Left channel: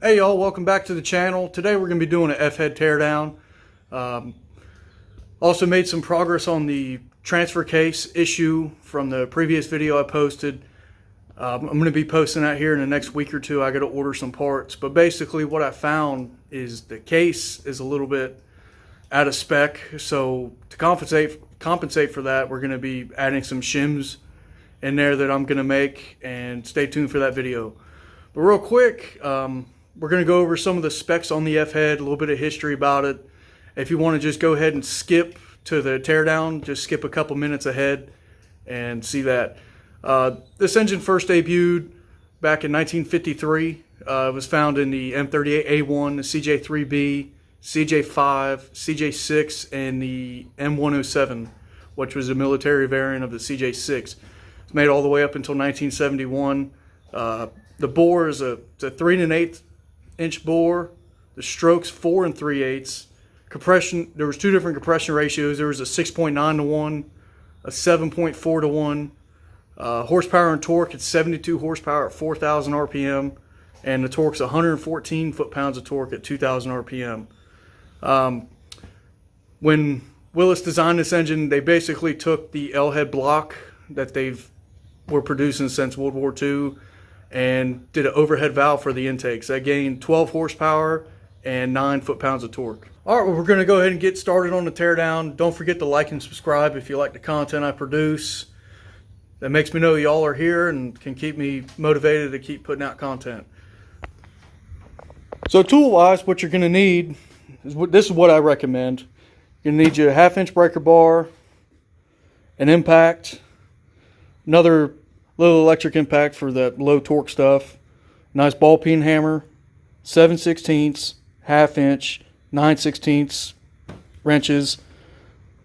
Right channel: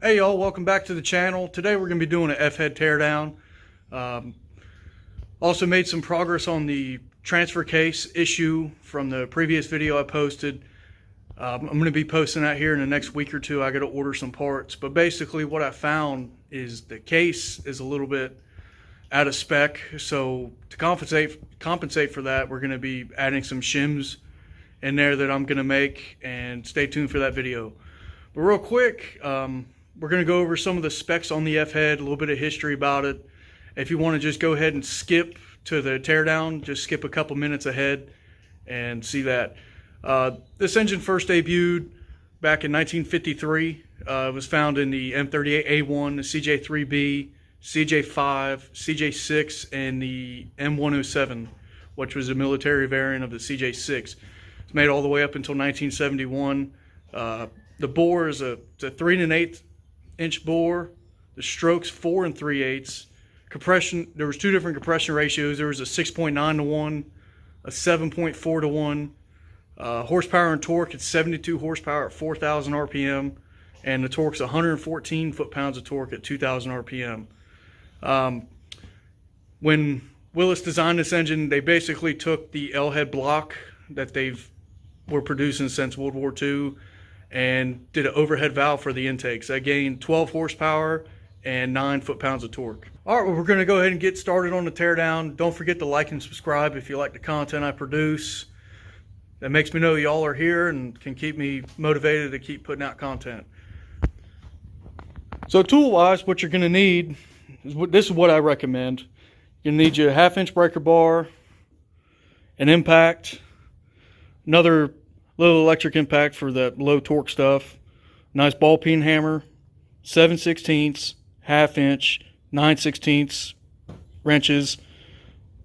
Hey y'all, welcome back to the channel. Today we're going to be doing an Fhead teardown. Also made some progress on the transfer case issue from the previous video I posted. I'm going to be posting that here in the next week or two. I got to order some parts, but basically what I found is the case is a little bit out of spec. So to compensate for that, we're going to be adding some shims in there that I'm going to make, and stay tuned for that video. But real quick, we're going to go over some of the specs on the Fhead, a little bit of history about it. If you want to just go ahead and skip to the teardown, just skip a couple minutes ahead and see that. This engine first debuted back in 1953. It was found in the M38A1, the CJ3B, CJ5, CJ6, and the M107, which was a military variant of the CJ6. It's made all the way up until 1971. The bore is a 3 1/8 inch bore. The stroke's 4 3/8. Compression, there was two different compression ratios. There was a 6.9 to 1, a 7.4 to 1. Horsepower and torque, it's 72 horsepower at 4,000 RPM, and the torque's 114 foot-pounds of torque at 2,000 RPM. When Willys designed this engine, they basically took the L-head block that were producing since World War II and did an overhead valve for the intakes. That gained 12 horsepower and 9 foot-pounds of torque. All right, well, we're going to go ahead and get started on the teardown. Don't forget to like and subscribe if you like the content I produce. That makes me know y'all are here and can keep me motivated to keep putting out content. So tool-wise, what you're going to need, this is what I recommend. You're going to need your 1/2 inch breaker bar, an impact, another little electric impact for that low torque stuff, nice ball peen hammer, 7/16, 1/2 inch, 9/16 wrenches,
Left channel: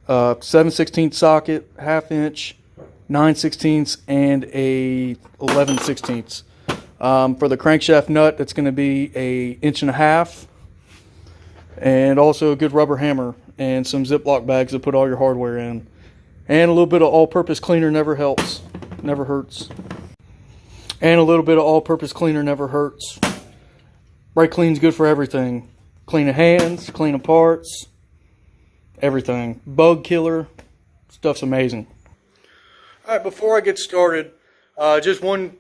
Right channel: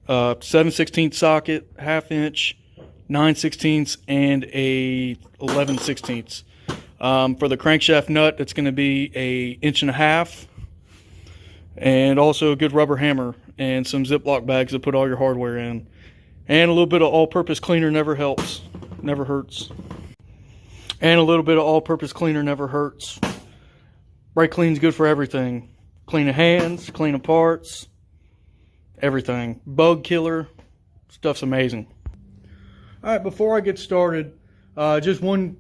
7/16 socket, 1/2 inch, 9/16, and a 11/16. For the crankshaft nut, that's going to be a 1.5 inch, and also a good rubber hammer and some Ziploc bags to put all your hardware in. And a little bit of all-purpose cleaner never hurts. And a little bit of all-purpose cleaner never hurts. Brake clean's good for everything. Cleaning hands, cleaning parts, everything. Bug killer, stuff's amazing. All right, before I get started, just one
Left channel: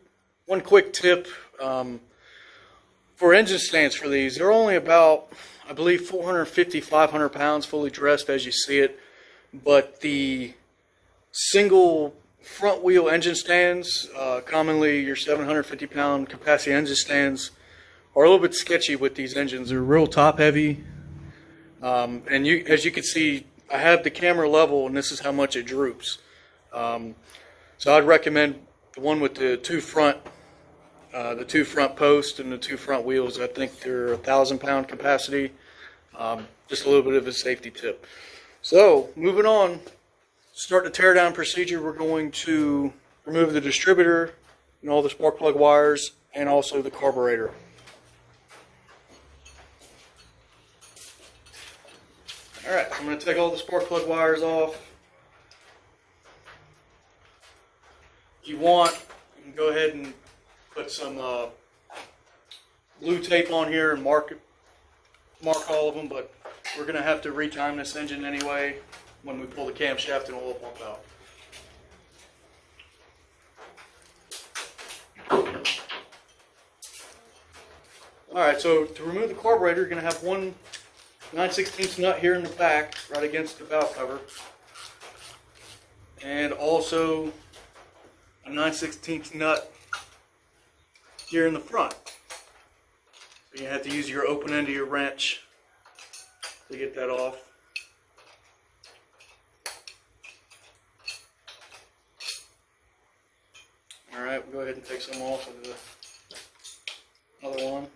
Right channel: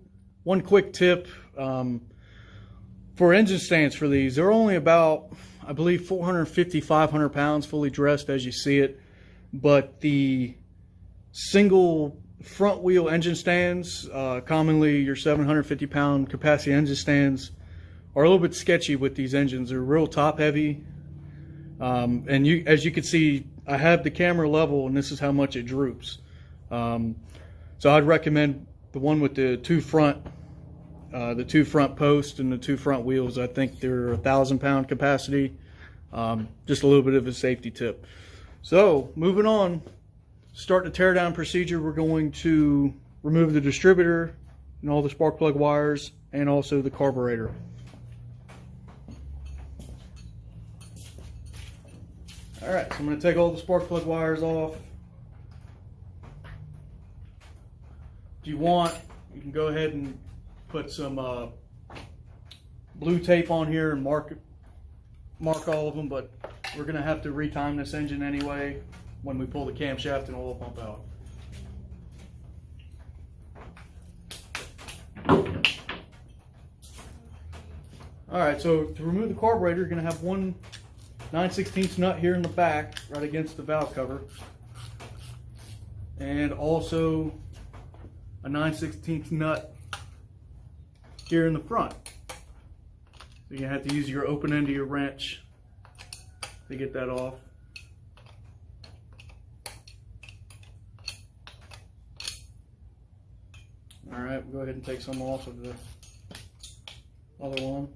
quick tip. For engine stands for these, they're only about, I believe, 450, 500 pounds fully dressed as you see it. But the single front wheel engine stands, commonly your 750 pound capacity engine stands, are a little bit sketchy with these engines. They're real top heavy, and as you can see, I have the camera level and this is how much it droops. So I'd recommend the one with the two front posts and the two front wheels. I think they're 1,000 pound capacity. Just a little bit of a safety tip. So moving on, start the teardown procedure. We're going to remove the distributor and all the spark plug wires and also the carburetor. Alright, so I'm going to take all the spark plug wires off. If you want, you can go ahead and put some blue tape on here and mark all of them, but we're going to have to retime this engine anyway when we pull the camshaft and oil pump out. Alright, so to remove the carburetor, you're going to have one 9/16 nut here in the back, right against the valve cover, and also a 9/16 nut here in the front. So you're going to have to use your open end of your wrench to get that off. Alright, we'll go ahead and take some off of the other one.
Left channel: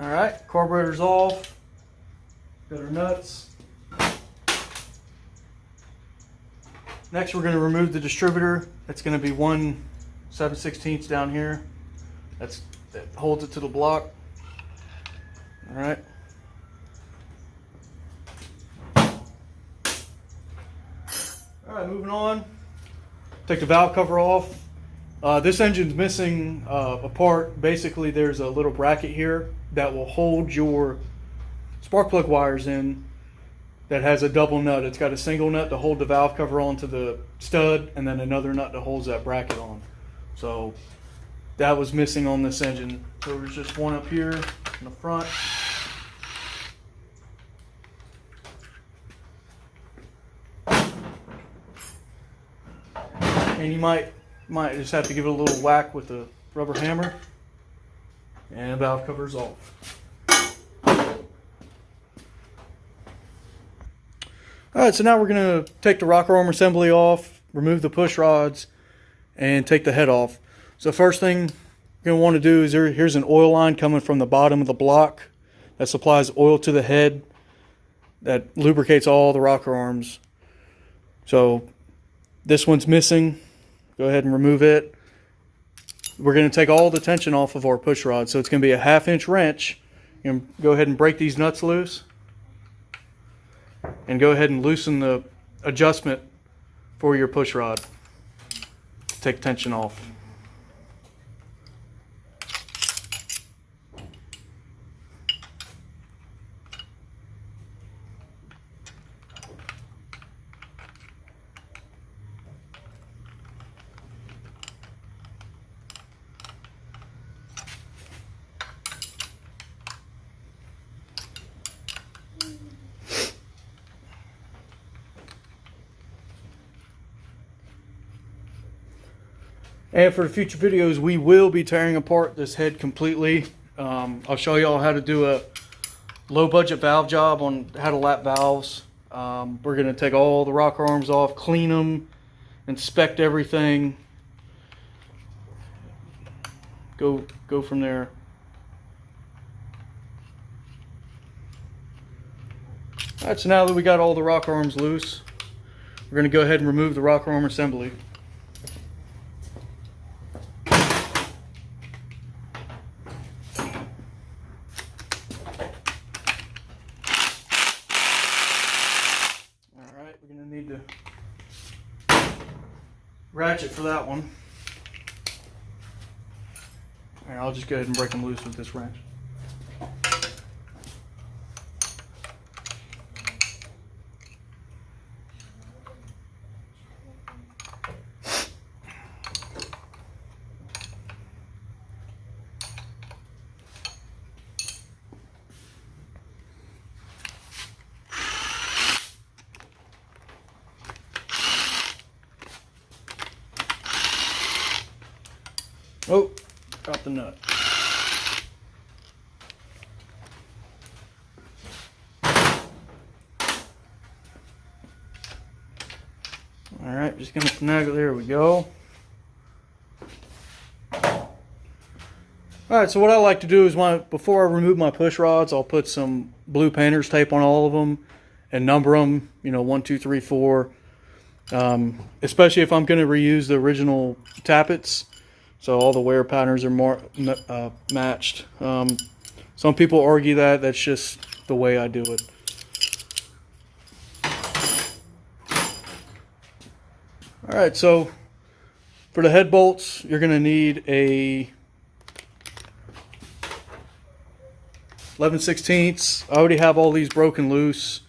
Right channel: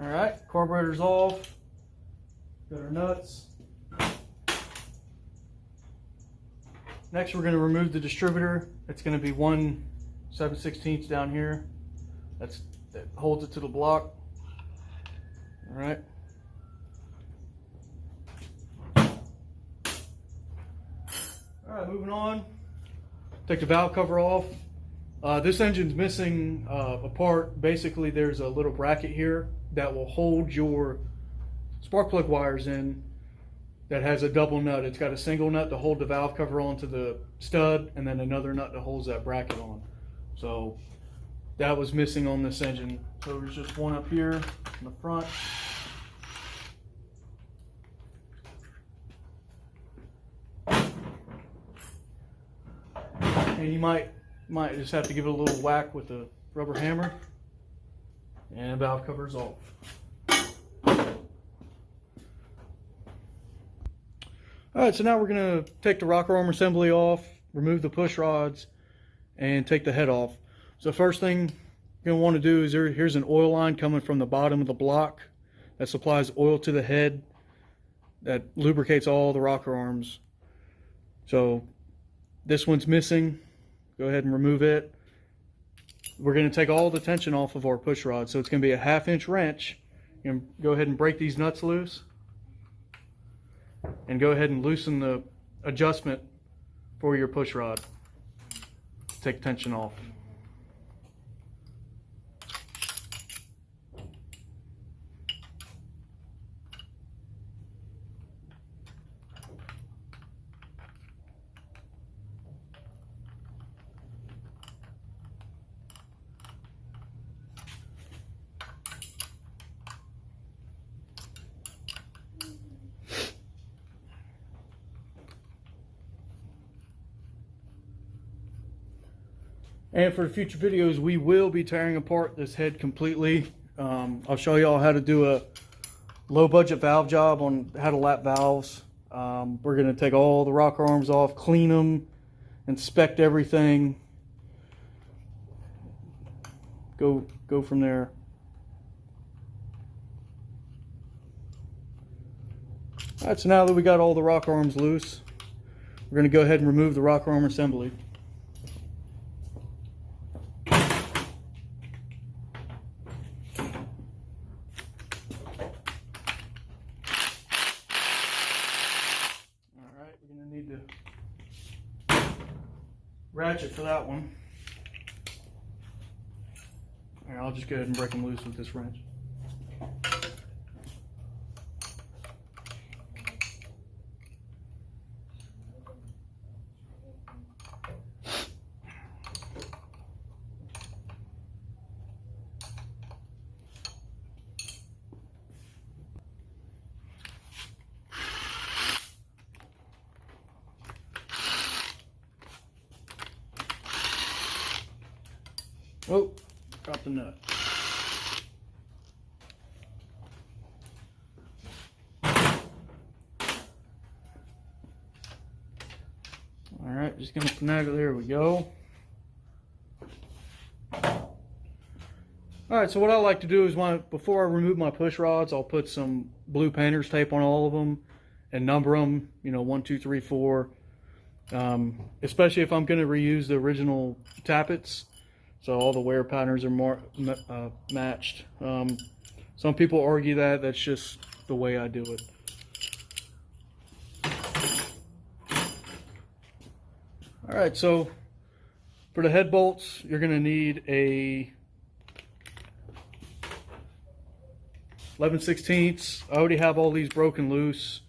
Alright, carburetor's off. Got our nuts. Next, we're going to remove the distributor. It's going to be 1 7/16 down here. That holds it to the block. All right. All right, moving on. Take the valve cover off. This engine's missing a part. Basically, there's a little bracket here that will hold your spark plug wires in that has a double nut. It's got a single nut to hold the valve cover onto the stud and then another nut that holds that bracket on. So that was missing on this engine. So there's just one up here in the front. And you might just have to give it a little whack with the rubber hammer, and the valve cover's off. Alright, so now we're going to take the rocker arm assembly off, remove the push rods, and take the head off. So first thing you're going to want to do is here's an oil line coming from the bottom of the block that supplies oil to the head that lubricates all the rocker arms. So this one's missing. Go ahead and remove it. We're going to take all the tension off of our push rod. So it's going to be a 1/2 inch wrench. You're going to go ahead and break these nuts loose. And go ahead and loosen the adjustment for your push rod. Take tension off. And for the future videos, we will be tearing apart this head completely. I'll show y'all how to do a low budget valve job on how to lap valves. We're going to take all the rocker arms off, clean them, inspect everything. Go from there. Alright, so now that we got all the rocker arms loose, we're going to go ahead and remove the rocker arm assembly. Ratchet for that one. Here, I'll just go ahead and break them loose with this wrench. Oh, dropped the nut. All right, just gonna snag it. There we go. All right, so what I like to do is before I remove my push rods, I'll put some blue painter's tape on all of them and number them, 1, 2, 3, 4. Especially if I'm going to reuse the original Tappets. So all the wear patterns are more matched. Some people argue that that's just the way I do it. All right, so for the head bolts, you're going to need a 11/16. I already have all these broken loose.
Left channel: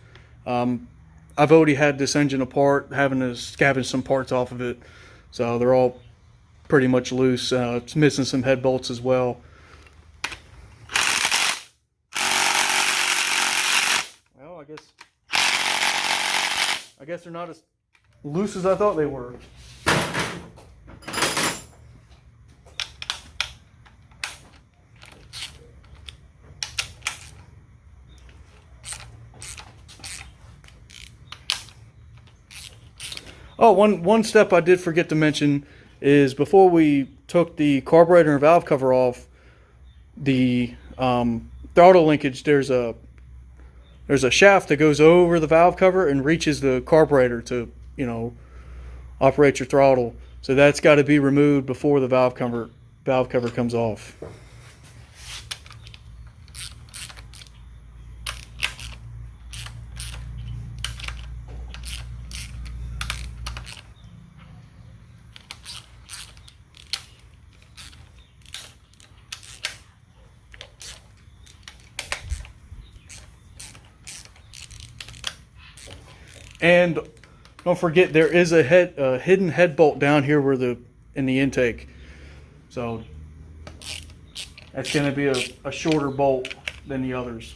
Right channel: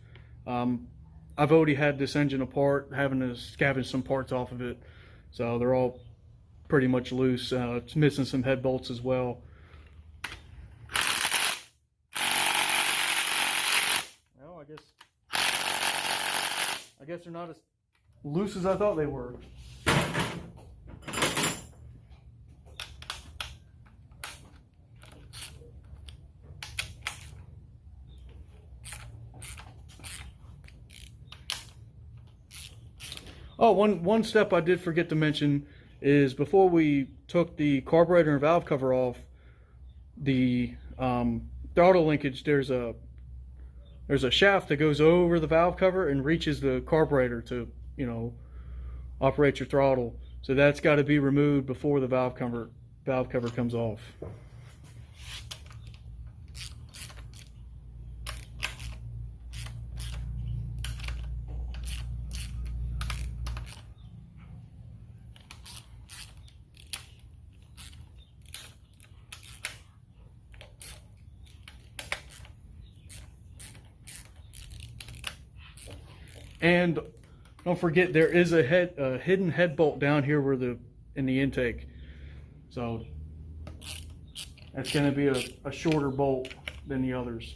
I've already had this engine apart, having to scavenge some parts off of it. So they're all pretty much loose. It's missing some head bolts as well. Well, I guess they're not as loose as I thought they were. Oh, one step I did forget to mention is before we took the carburetor and valve cover off, the throttle linkage, there's a shaft that goes over the valve cover and reaches the carburetor to, operate your throttle. So that's got to be removed before the valve cover comes off. And don't forget, there is a hidden head bolt down here in the intake. So that's going to be a shorter bolt than the others.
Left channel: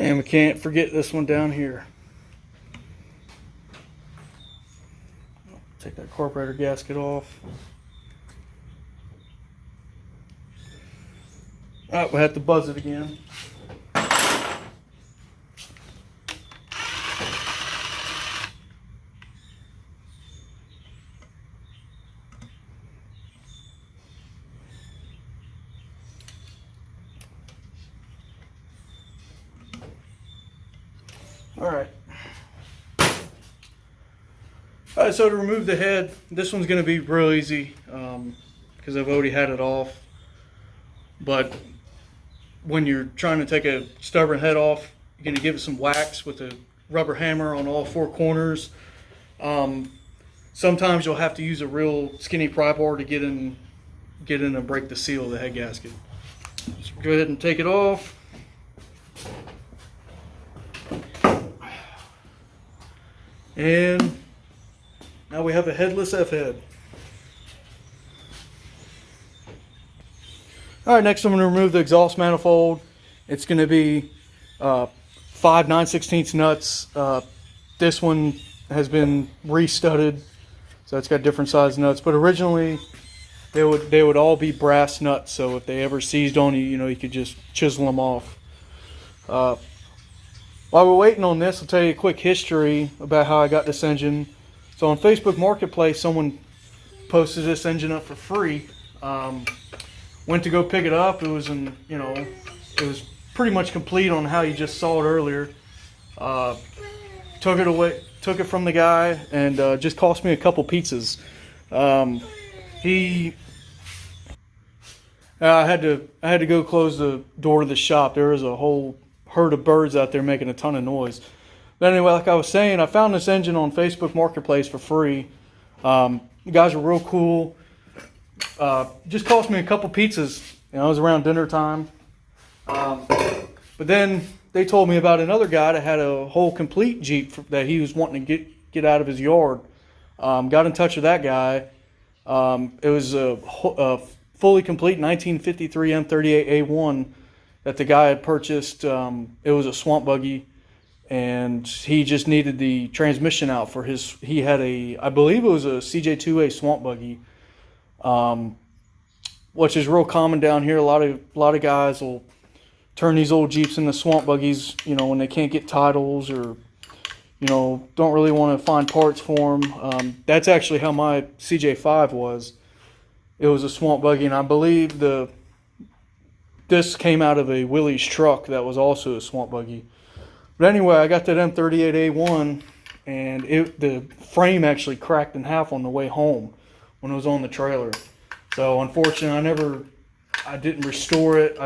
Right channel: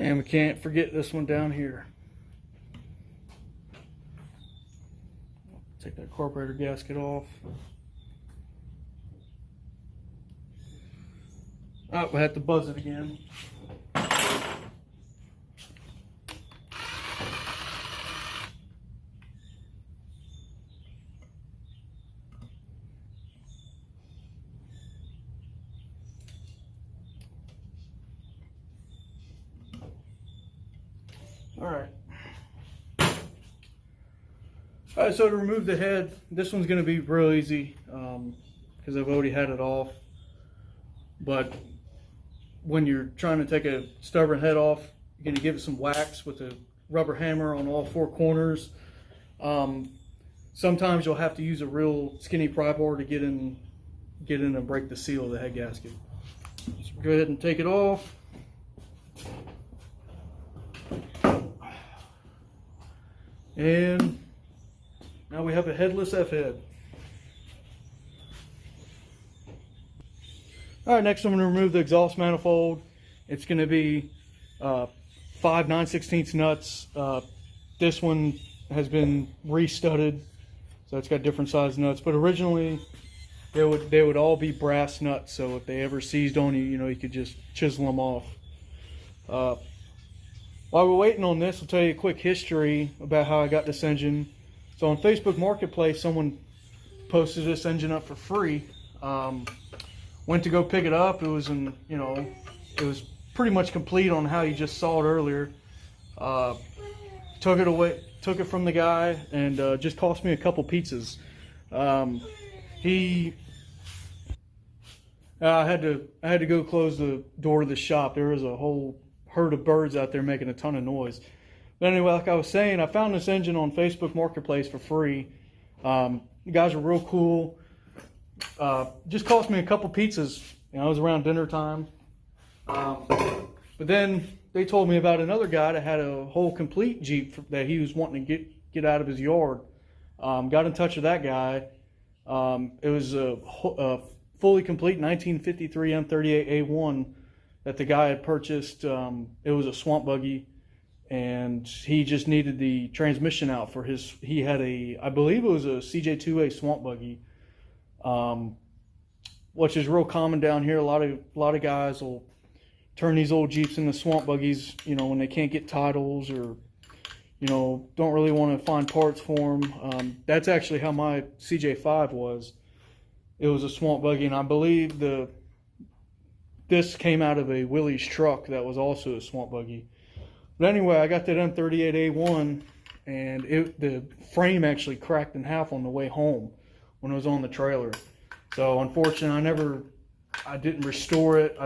And we can't forget this one down here. Take that carburetor gasket off. Oh, we have to buzz it again. Alright, so to remove the head, this one's going to be real easy because I've already had it off. But when you're trying to take a stubborn head off, you're going to give it some wax with a rubber hammer on all four corners. Sometimes you'll have to use a real skinny pry bar to get in and break the seal of the head gasket. So go ahead and take it off. And now we have a headless F-head. Alright, next I'm going to remove the exhaust manifold. It's going to be 5 9/16 nuts. This one has been re-studded, so it's got different size nuts. But originally they would all be brass nuts, so if they ever seized on you, you could just chisel them off. While we're waiting on this, I'll tell you a quick history about how I got this engine. So on Facebook Marketplace, someone posted this engine up for free. Went to go pick it up. It was it was pretty much complete on how you just saw it earlier. Took it from the guy, and just cost me a couple pizzas. I had to go close the door to the shop. There was a whole herd of birds out there making a ton of noise. But anyway, like I was saying, I found this engine on Facebook Marketplace for free. The guys were real cool. Just cost me a couple pizzas. It was around dinner time. But then they told me about another guy that had a whole complete Jeep that he was wanting to get out of his yard. Got in touch with that guy. It was a fully complete 1953 M38A1 that the guy had purchased. It was a swamp buggy, and he just needed the transmission out for his. He had I believe it was a CJ2A swamp buggy, which is real common down here. A lot of guys will turn these old Jeeps into swamp buggies, when they can't get titles or, don't really want to find parts for them. That's actually how my CJ5 was. It was a swamp buggy, and I believe this came out of a Willys truck that was also a swamp buggy. But anyway, I got that M38A1, and the frame actually cracked in half on the way home when it was on the trailer. So unfortunately, I didn't restore it.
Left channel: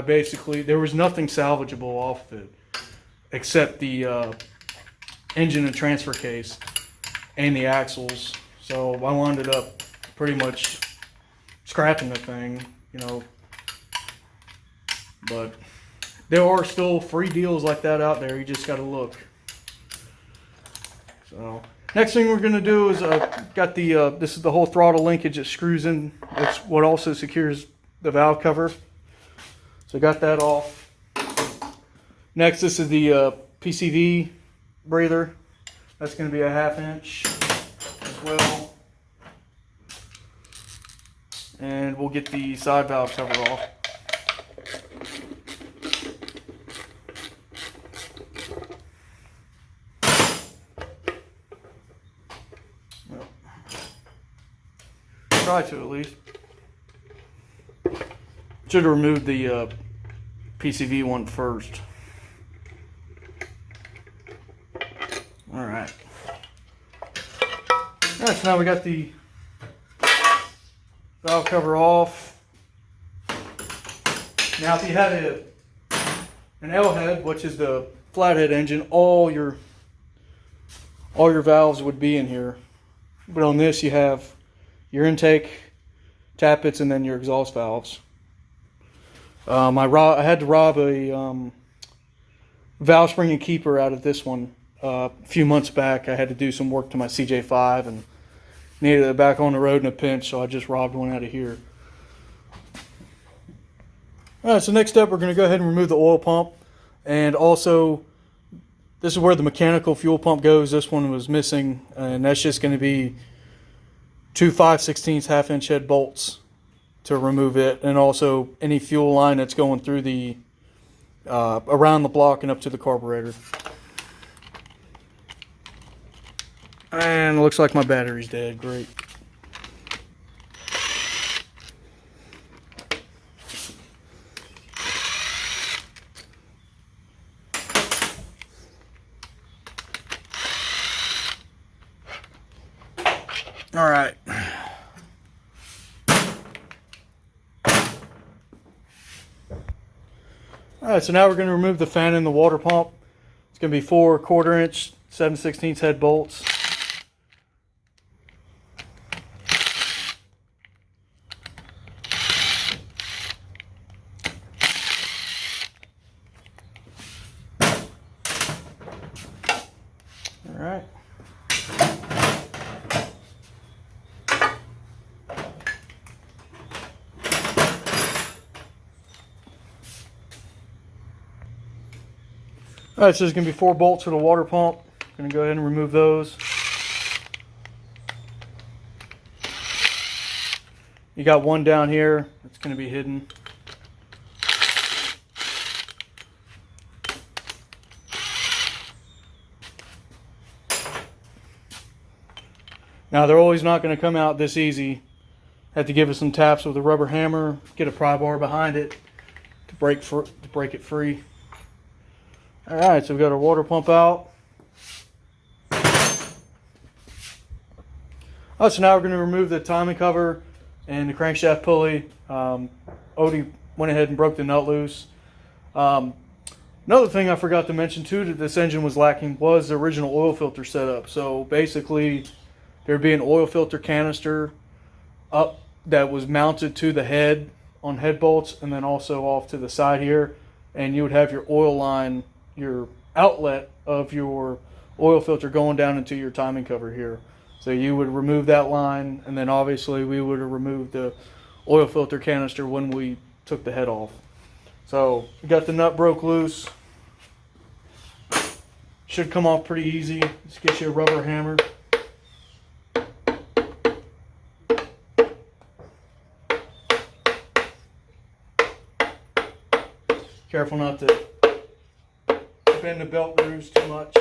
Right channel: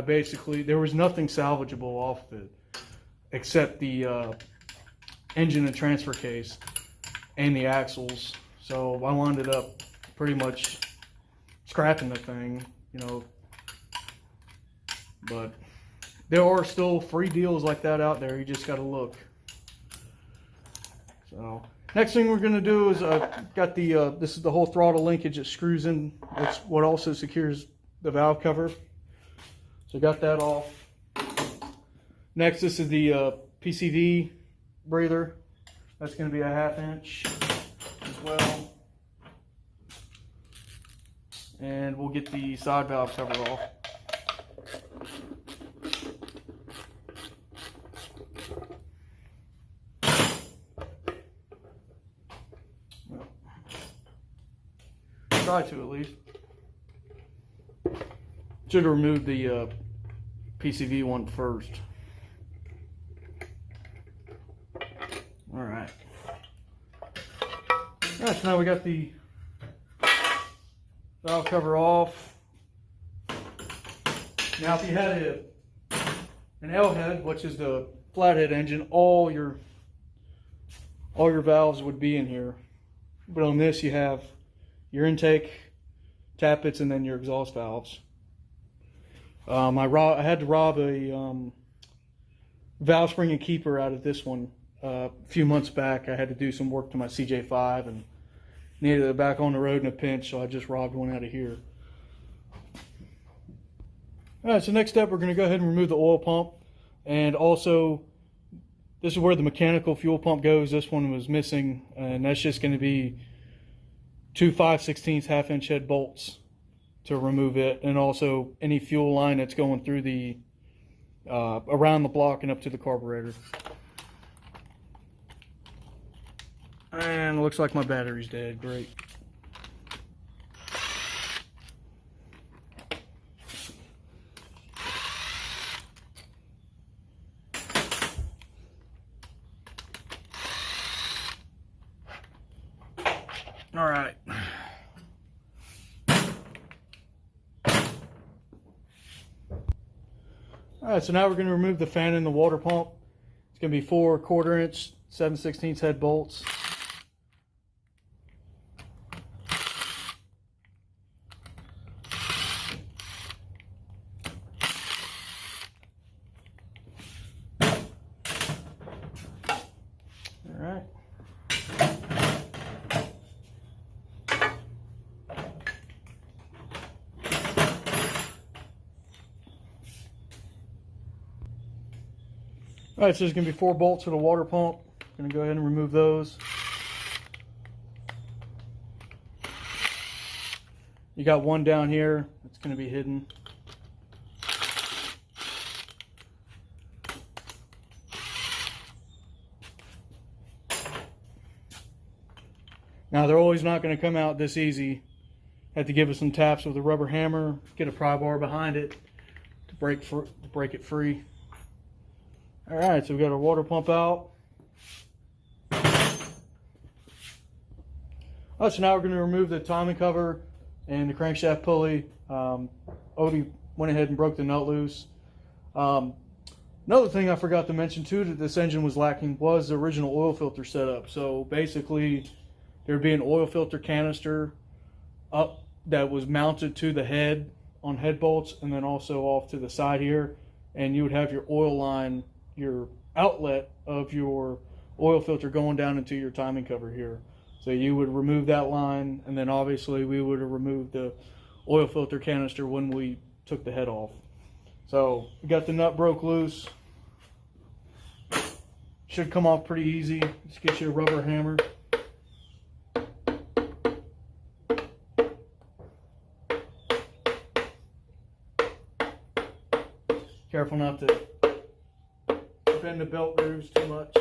There was nothing salvageable off of it except the engine and transfer case and the axles. So I wound up pretty much scrapping the thing, But there are still free deals like that out there. You just got to look. So Next thing we're going to do is got the this is the whole throttle linkage that screws in. That's what also secures the valve cover. So got that off. Next, this is the PCV breather. That's going to be a 1/2 inch as well. And we'll get the side valve cover off. Try to at least. Should have removed the PCV one first. All right. Yeah, so now we got the valve cover off. Now, if you had an L head, which is the flathead engine, all your valves would be in here. But on this, you have your intake, tappets, and then your exhaust valves. I had to rob a valve spring and keeper out of this one a few months back. I had to do some work to my CJ5 and needed it back on the road in a pinch, so I just robbed one out of here. All right, so next up, we're going to go ahead and remove the oil pump. And also, this is where the mechanical fuel pump goes. This one was missing, and that's just going to be 2 5/16 1/2 inch head bolts to remove it, and also any fuel line that's going through the around the block and up to the carburetor. And it looks like my battery's dead. Great. All right. All right, so now we're going to remove the fan and the water pump. It's going to be 4 1/4 inch 7/16 head bolts. All right. All right, so there's going to be 4 bolts for the water pump. I'm going to go ahead and remove those. You got one down here that's going to be hidden. Now, they're always not going to come out this easy. Have to give it some taps with a rubber hammer, get a pry bar behind it to break it free. All right, so we've got our water pump out. Oh, so now we're going to remove the timing cover and the crankshaft pulley. Odie went ahead and broke the nut loose. Another thing I forgot to mention too that this engine was lacking was the original oil filter setup. So basically, there'd be an oil filter canister up that was mounted to the head on head bolts, and then also off to the side here, and you would have your oil line, your outlet of your oil filter going down into your timing cover here. So you would remove that line, and then obviously we would have removed the oil filter canister when we took the head off. So we got the nut broke loose. Should come off pretty easy. Just get you a rubber hammer. Careful not to bend the belt grooves too much.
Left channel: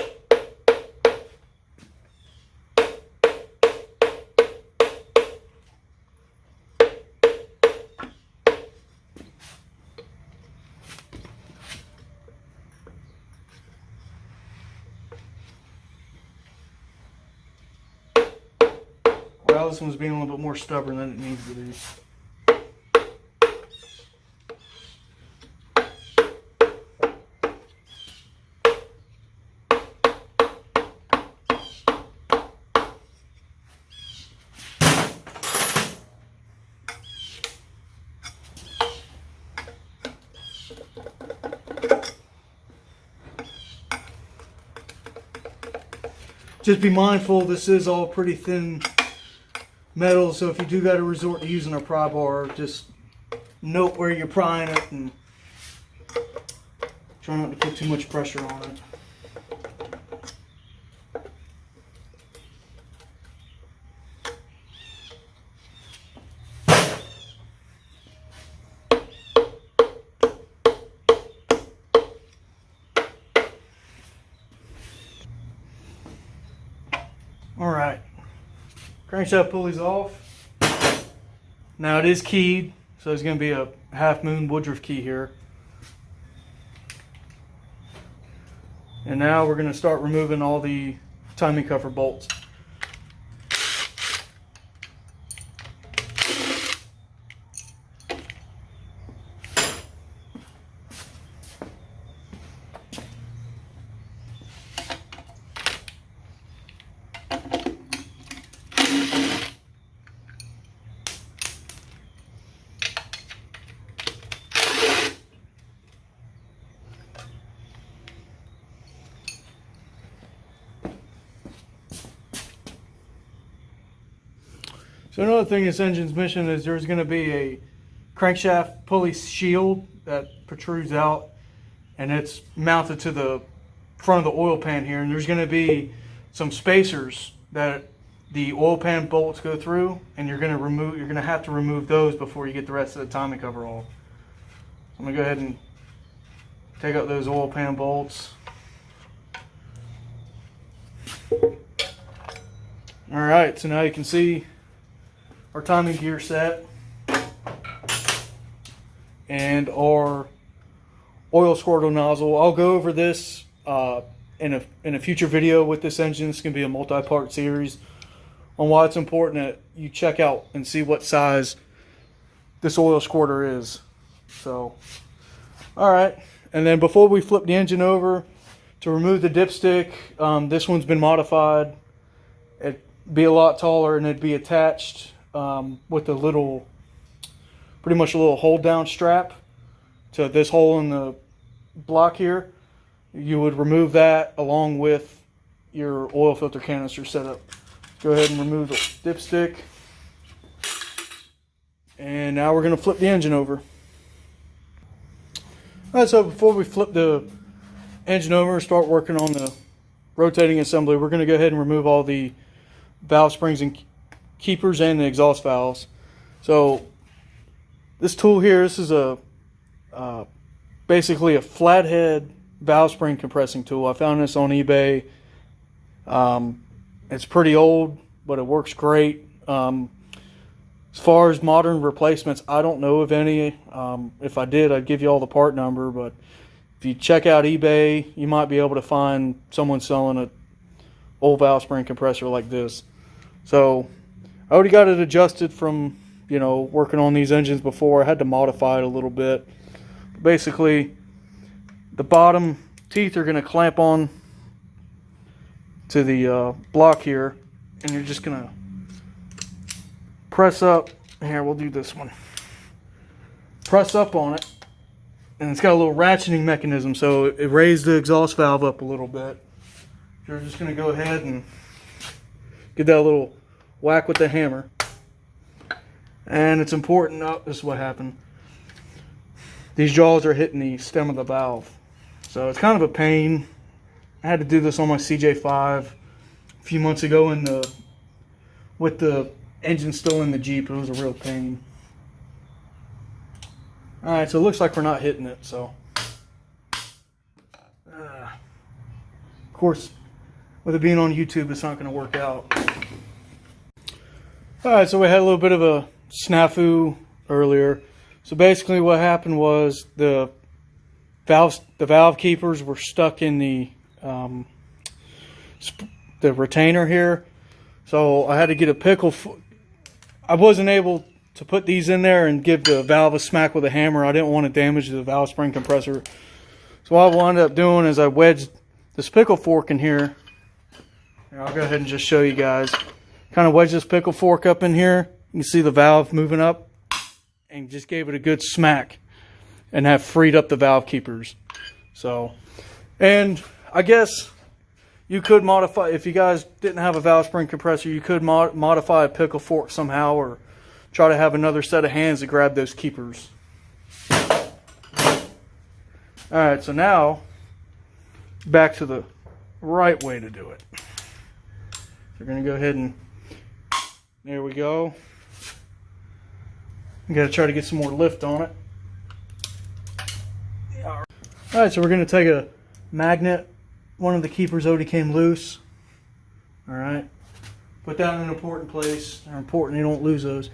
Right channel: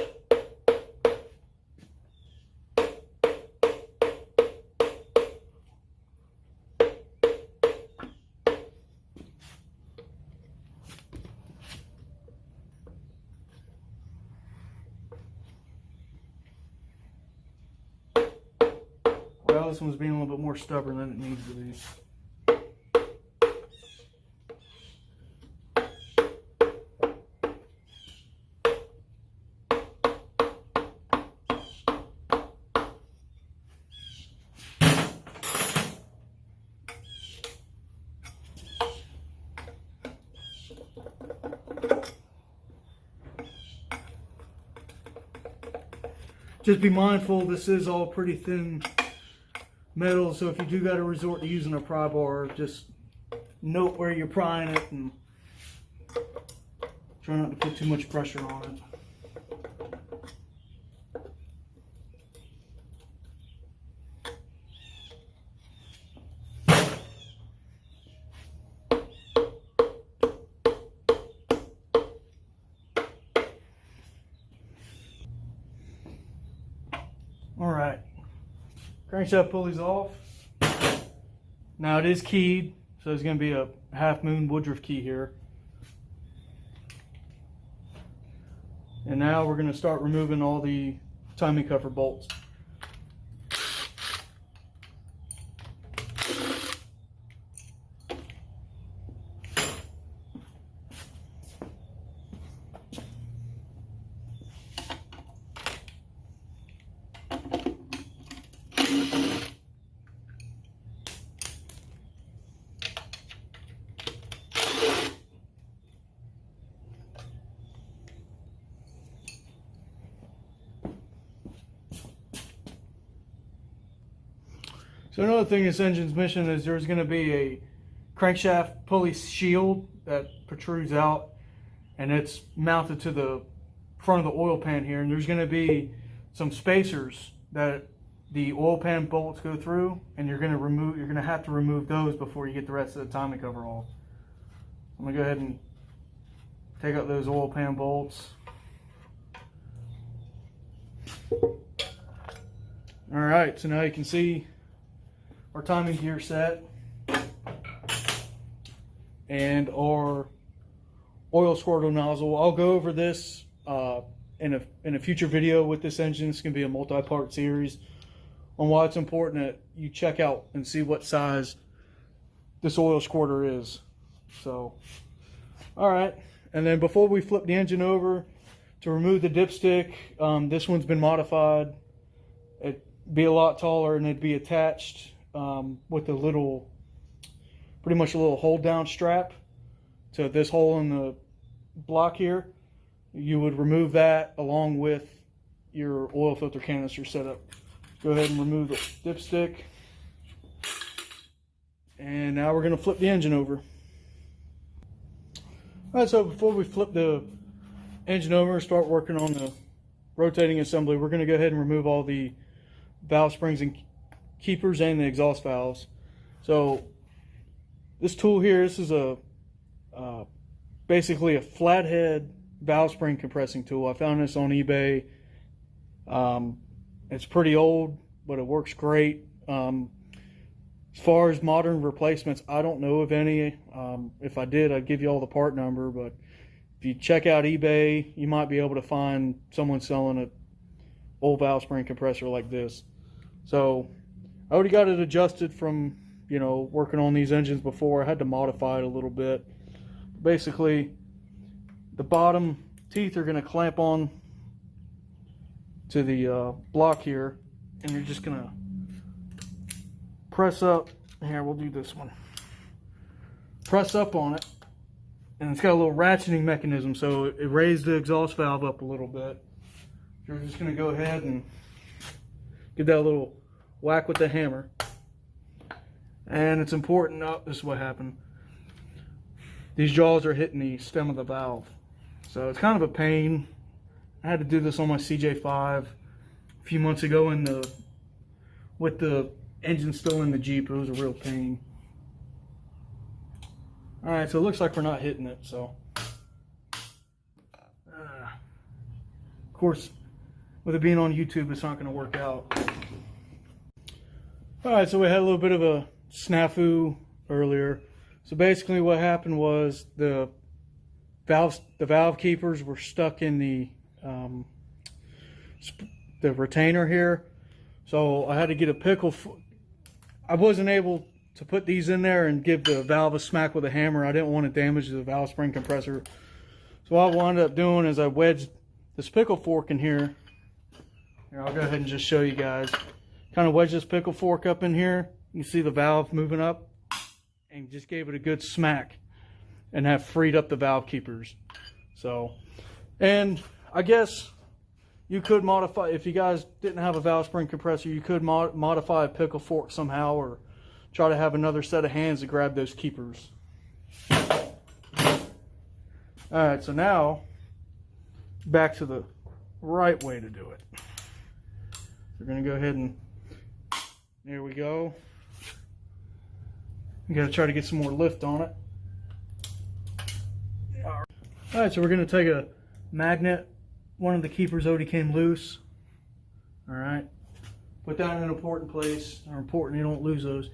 Well, this one's being a little bit more stubborn than it needs to be. just be mindful, this is all pretty thin metal, so if you do got to resort to using a pry bar, just note where you're prying it and try not to put too much pressure on it. Alright, crankshaft pulley's off. Now it is keyed, so there's going to be a half moon Woodruff key here. And now we're going to start removing all the timing cover bolts. So another thing this engine's missing is there's going to be a crankshaft pulley shield that protrudes out, and it's mounted to the front of the oil pan here, and there's going to be some spacers that the oil pan bolts go through, and you're going to have to remove those before you get the rest of the timing cover off. I'm going to go ahead and take out those oil pan bolts. Alright, so now you can see our timing gear set and our oil squirtle nozzle. I'll go over this in a future video with this engine. It's going to be a multi-part series on why it's important that you check out and see what size this oil squirter is. So, alright, and then before we flip the engine over, to remove the dipstick, this one's been modified. It'd be a lot taller and it'd be attached with a little, pretty much a little hold down strap to this hole in the block here. You would remove that along with your oil filter canister setup. Go ahead and remove the dipstick. And now we're going to flip the engine over. Alright, so before we flip the engine over and start working on the rotating assembly, we're going to go ahead and remove all the valve springs and keepers and the exhaust valves. So this tool here, this is a basically a flathead valve spring compressing tool. I found this on eBay. It's pretty old, but it works great. As far as modern replacements, I don't know of any. If I did, I'd give you all the part number, but if you check out eBay, you might be able to find someone selling an old valve spring compressor like this. So I already got it adjusted from, you know, working on these engines before. I had to modify it a little bit. Basically, the bottom teeth are going to clamp on to the block here, and you're just going to press up. Here, we'll do this one. Press up on it, and it's got a little ratcheting mechanism, so it raised the exhaust valve up a little bit. You're just going to go ahead and give that a little whack with the hammer. And it's important, oh, this is what happened. These jaws are hitting the stem of the valve. So it's kind of a pain. I had to do this on my CJ5 a few months ago with the engine still in the Jeep. It was a real pain. Alright, so it looks like we're not hitting it, so. Of course, with it being on YouTube, it's not going to work out. Alright, so we had a little bit of a snafu earlier. So basically what happened was the valve keepers were stuck in the retainer here. So I had to get a pickle. I wasn't able to put these in there and give the valve a smack with a hammer. I didn't want to damage the valve spring compressor. So what I wound up doing is I wedged this pickle fork in here. I'll go ahead and just show you guys. Kind of wedge this pickle fork up in here. You can see the valve moving up, and just gave it a good smack and have freed up the valve keepers. So, and I guess you could modify, if you guys didn't have a valve spring compressor, you could modify a pickle fork somehow, or try to have another set of hands to grab those keepers. Alright, so now back to the right way to do it. We're going to go ahead and, there we go. I'm going to try to get some more lift on it. Alright, so we're going to take a magnet. One of the keepers already came loose. Alright, put that in an important place. They're important, you don't lose those.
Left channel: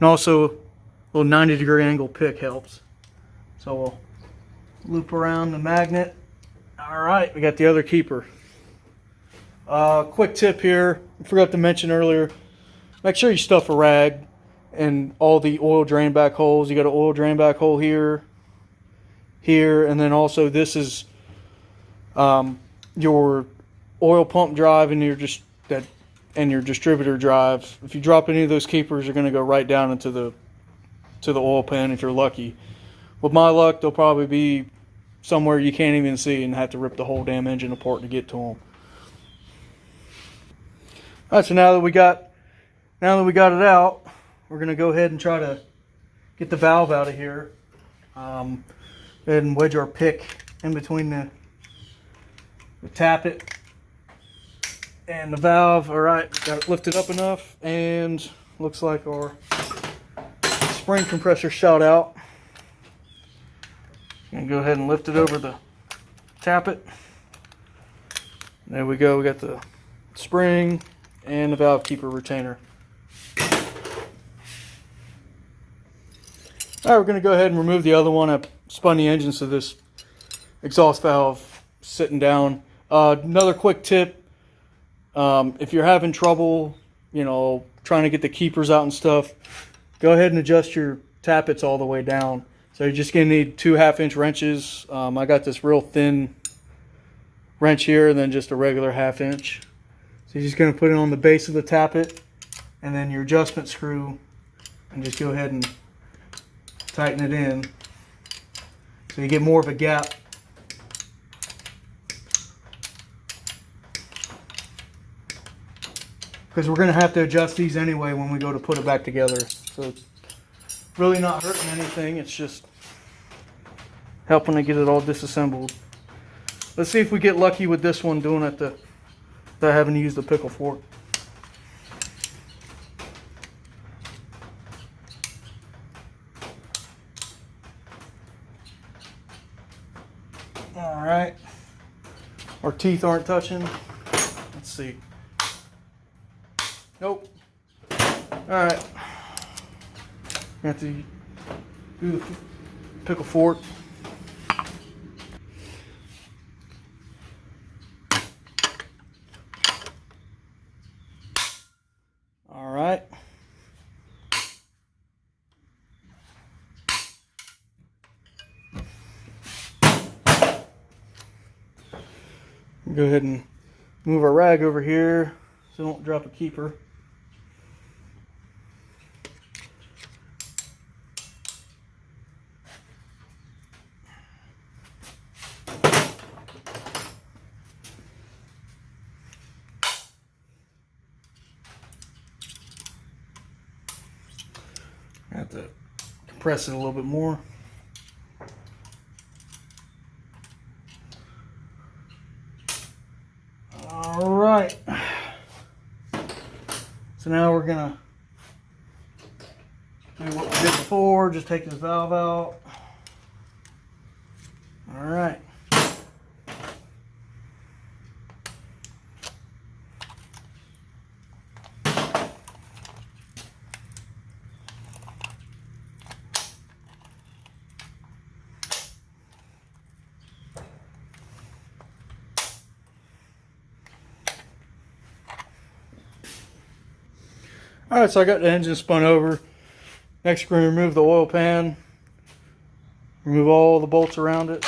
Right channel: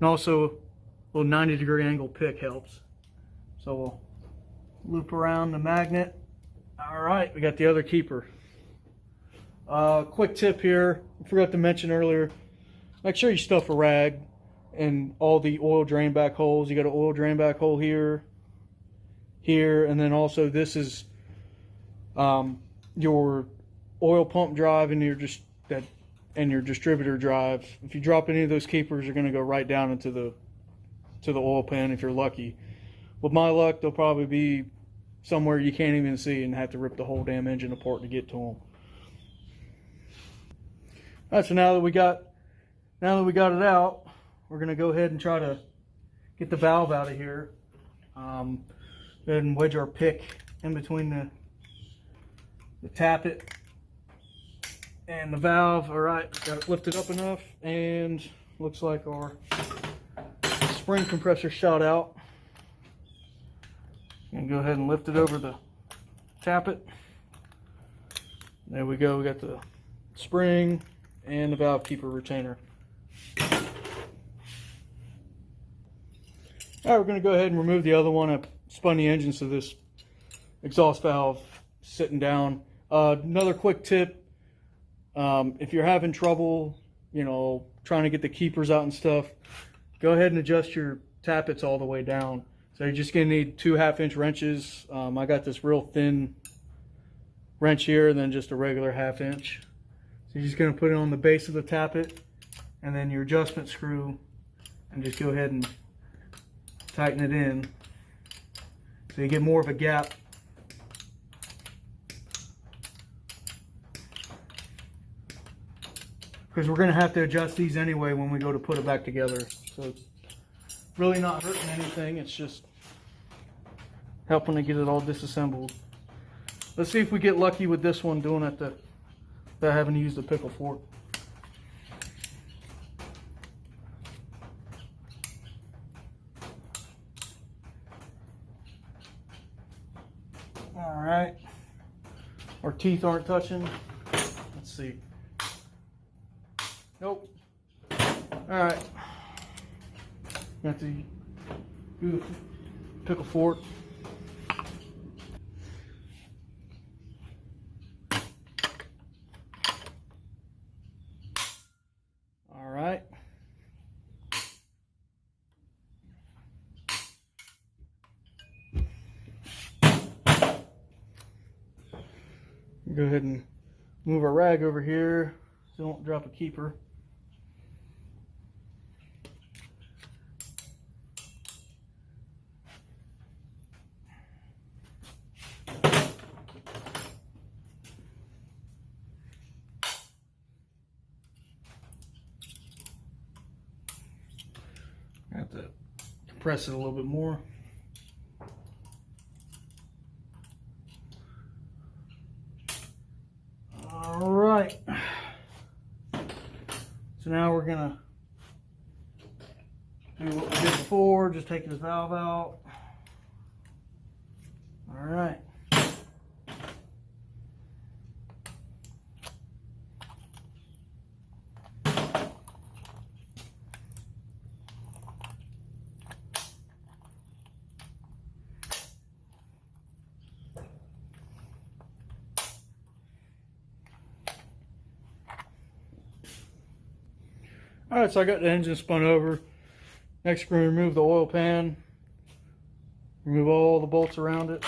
And also, a little 90-degree angle pick helps. So we'll loop around the magnet. Alright, we got the other keeper. Quick tip here, I forgot to mention earlier, make sure you stuff a rag in all the oil drain back holes. You got an oil drain back hole here, here, and then also this is your oil pump drive and your distributor drive. If you drop any of those keepers, you're going to go right down into the oil pan if you're lucky. With my luck, they'll probably be somewhere you can't even see and have to rip the whole damn engine apart to get to them. All right, so now that we got it out, we're going to go ahead and try to get the valve out of here. Go ahead and wedge our pick in between the tappet and the valve. All right, got it lifted up enough, and looks like our spring compressor shot out. And go ahead and lift it over the tappet. There we go. We got the spring and the valve keeper retainer. All right, we're going to go ahead and remove the other one. I spun the engine so this exhaust valve sitting down. Another quick tip: if you're having trouble, trying to get the keepers out and stuff, go ahead and adjust your tappets all the way down. So you're just going to need 2 1/2-inch wrenches. I got this real thin wrench here, and then just a regular 1/2 inch. So you're just going to put it on the base of the tappet, and then your adjustment screw, and just go ahead and tighten it in so you get more of a gap. Because we're going to have to adjust these anyway when we go to put it back together. So it's really not hurting anything, it's just helping to get it all disassembled. Let's see if we get lucky with this one doing it without having to use the pickle fork. Alright, our teeth aren't touching. Let's see. Nope. Alright. We have to do the pickle fork. Alright. Go ahead and move our rag over here so don't drop a keeper. I have to compress it a little bit more. All right. So now we're gonna do what we did before, just take this valve out. All right. Alright, so I got the engine spun over. Next we're going to remove the oil pan. Remove all the bolts around it.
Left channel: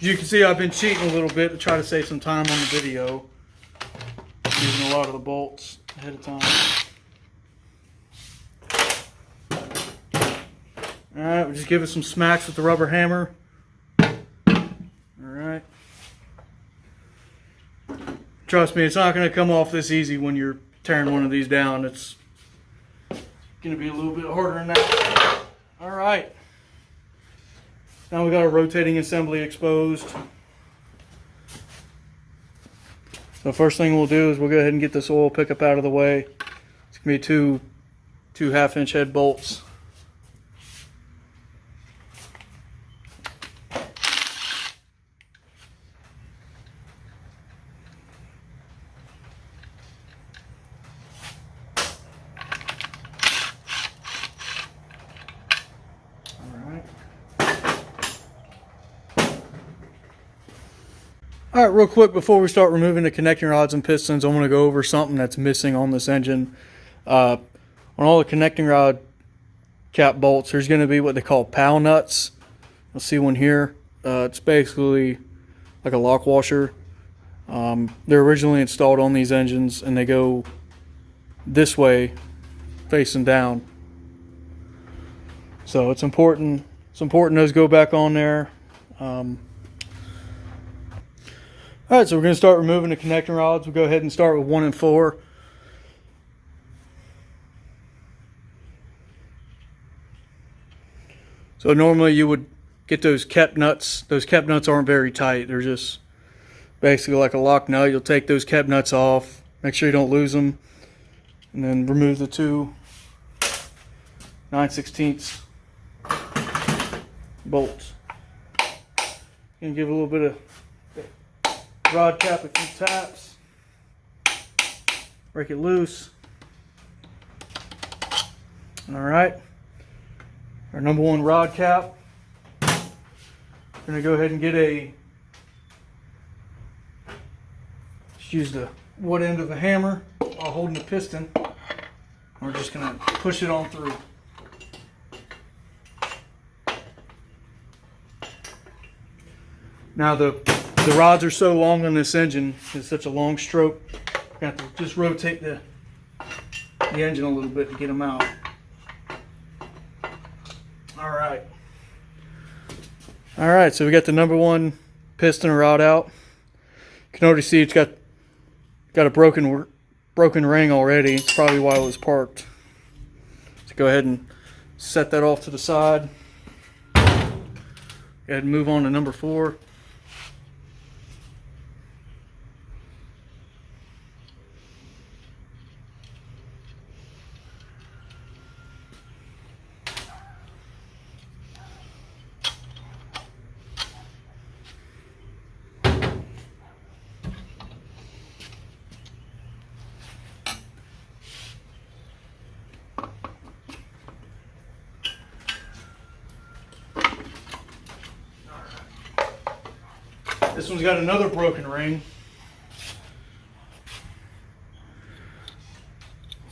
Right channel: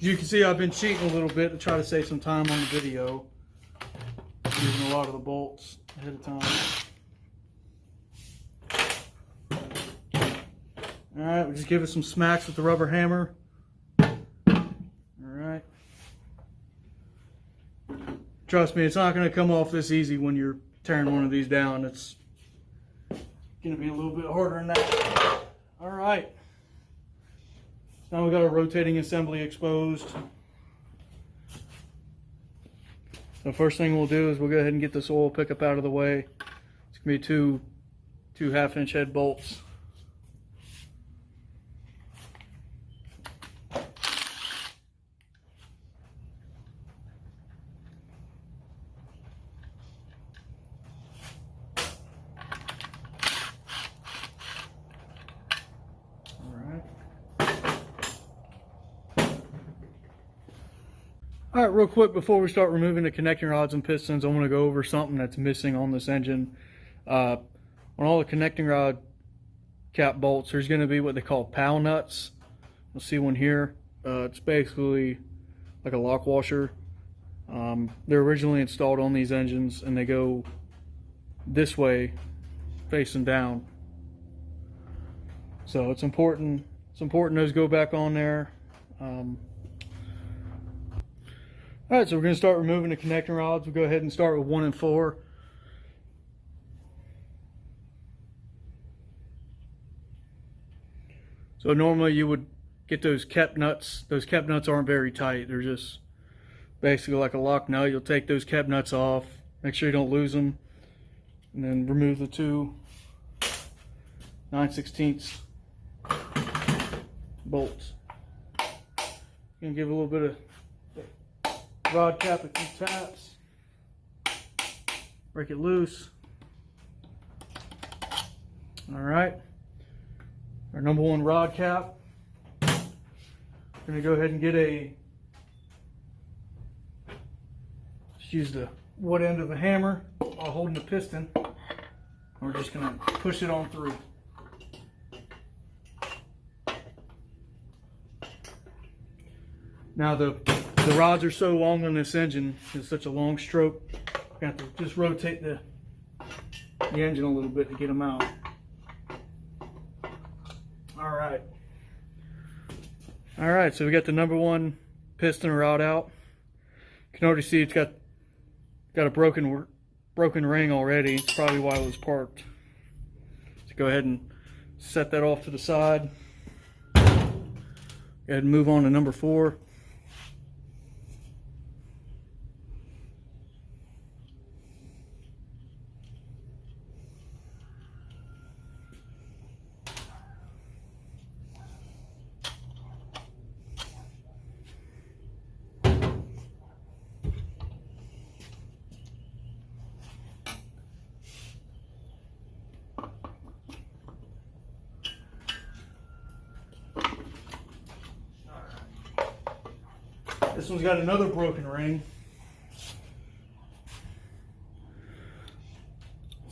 As you can see, I've been cheating a little bit to try to save some time on the video. Using a lot of the bolts ahead of time. Alright, we'll just give it some smacks with the rubber hammer. Alright. Trust me, it's not going to come off this easy when you're tearing one of these down. It's going to be a little bit harder than that. Alright. Now we got our rotating assembly exposed. The first thing we'll do is we'll go ahead and get this oil pickup out of the way. It's going to be two 1/2-inch head bolts. Alright, real quick before we start removing the connecting rods and pistons, I want to go over something that's missing on this engine. On all the connecting rod cap bolts, there's going to be what they call POW nuts. You'll see one here. It's basically like a lock washer. They're originally installed on these engines and they go this way, facing down. So it's important those go back on there. Alright, so we're going to start removing the connecting rods. We'll go ahead and start with 1 and 4. So normally you would get those kept nuts. Those kept nuts aren't very tight. They're just basically like a lock nut. You'll take those kept nuts off. Make sure you don't lose them. And then remove the two 9/16 bolts. And give a little bit of rod cap a few taps, break it loose. Alright, our number 1 rod cap. We're going to go ahead and get just use the wood end of the hammer while holding the piston. We're just going to push it on through. Now the rods are so long on this engine, it's such a long stroke, you have to just rotate the engine a little bit to get them out. Alright, so we got the number 1 piston rod out. You can already see it's got a broken ring already. It's probably why it was parked. So go ahead and set that off to the side. Go ahead and move on to number 4. This one's got another broken ring.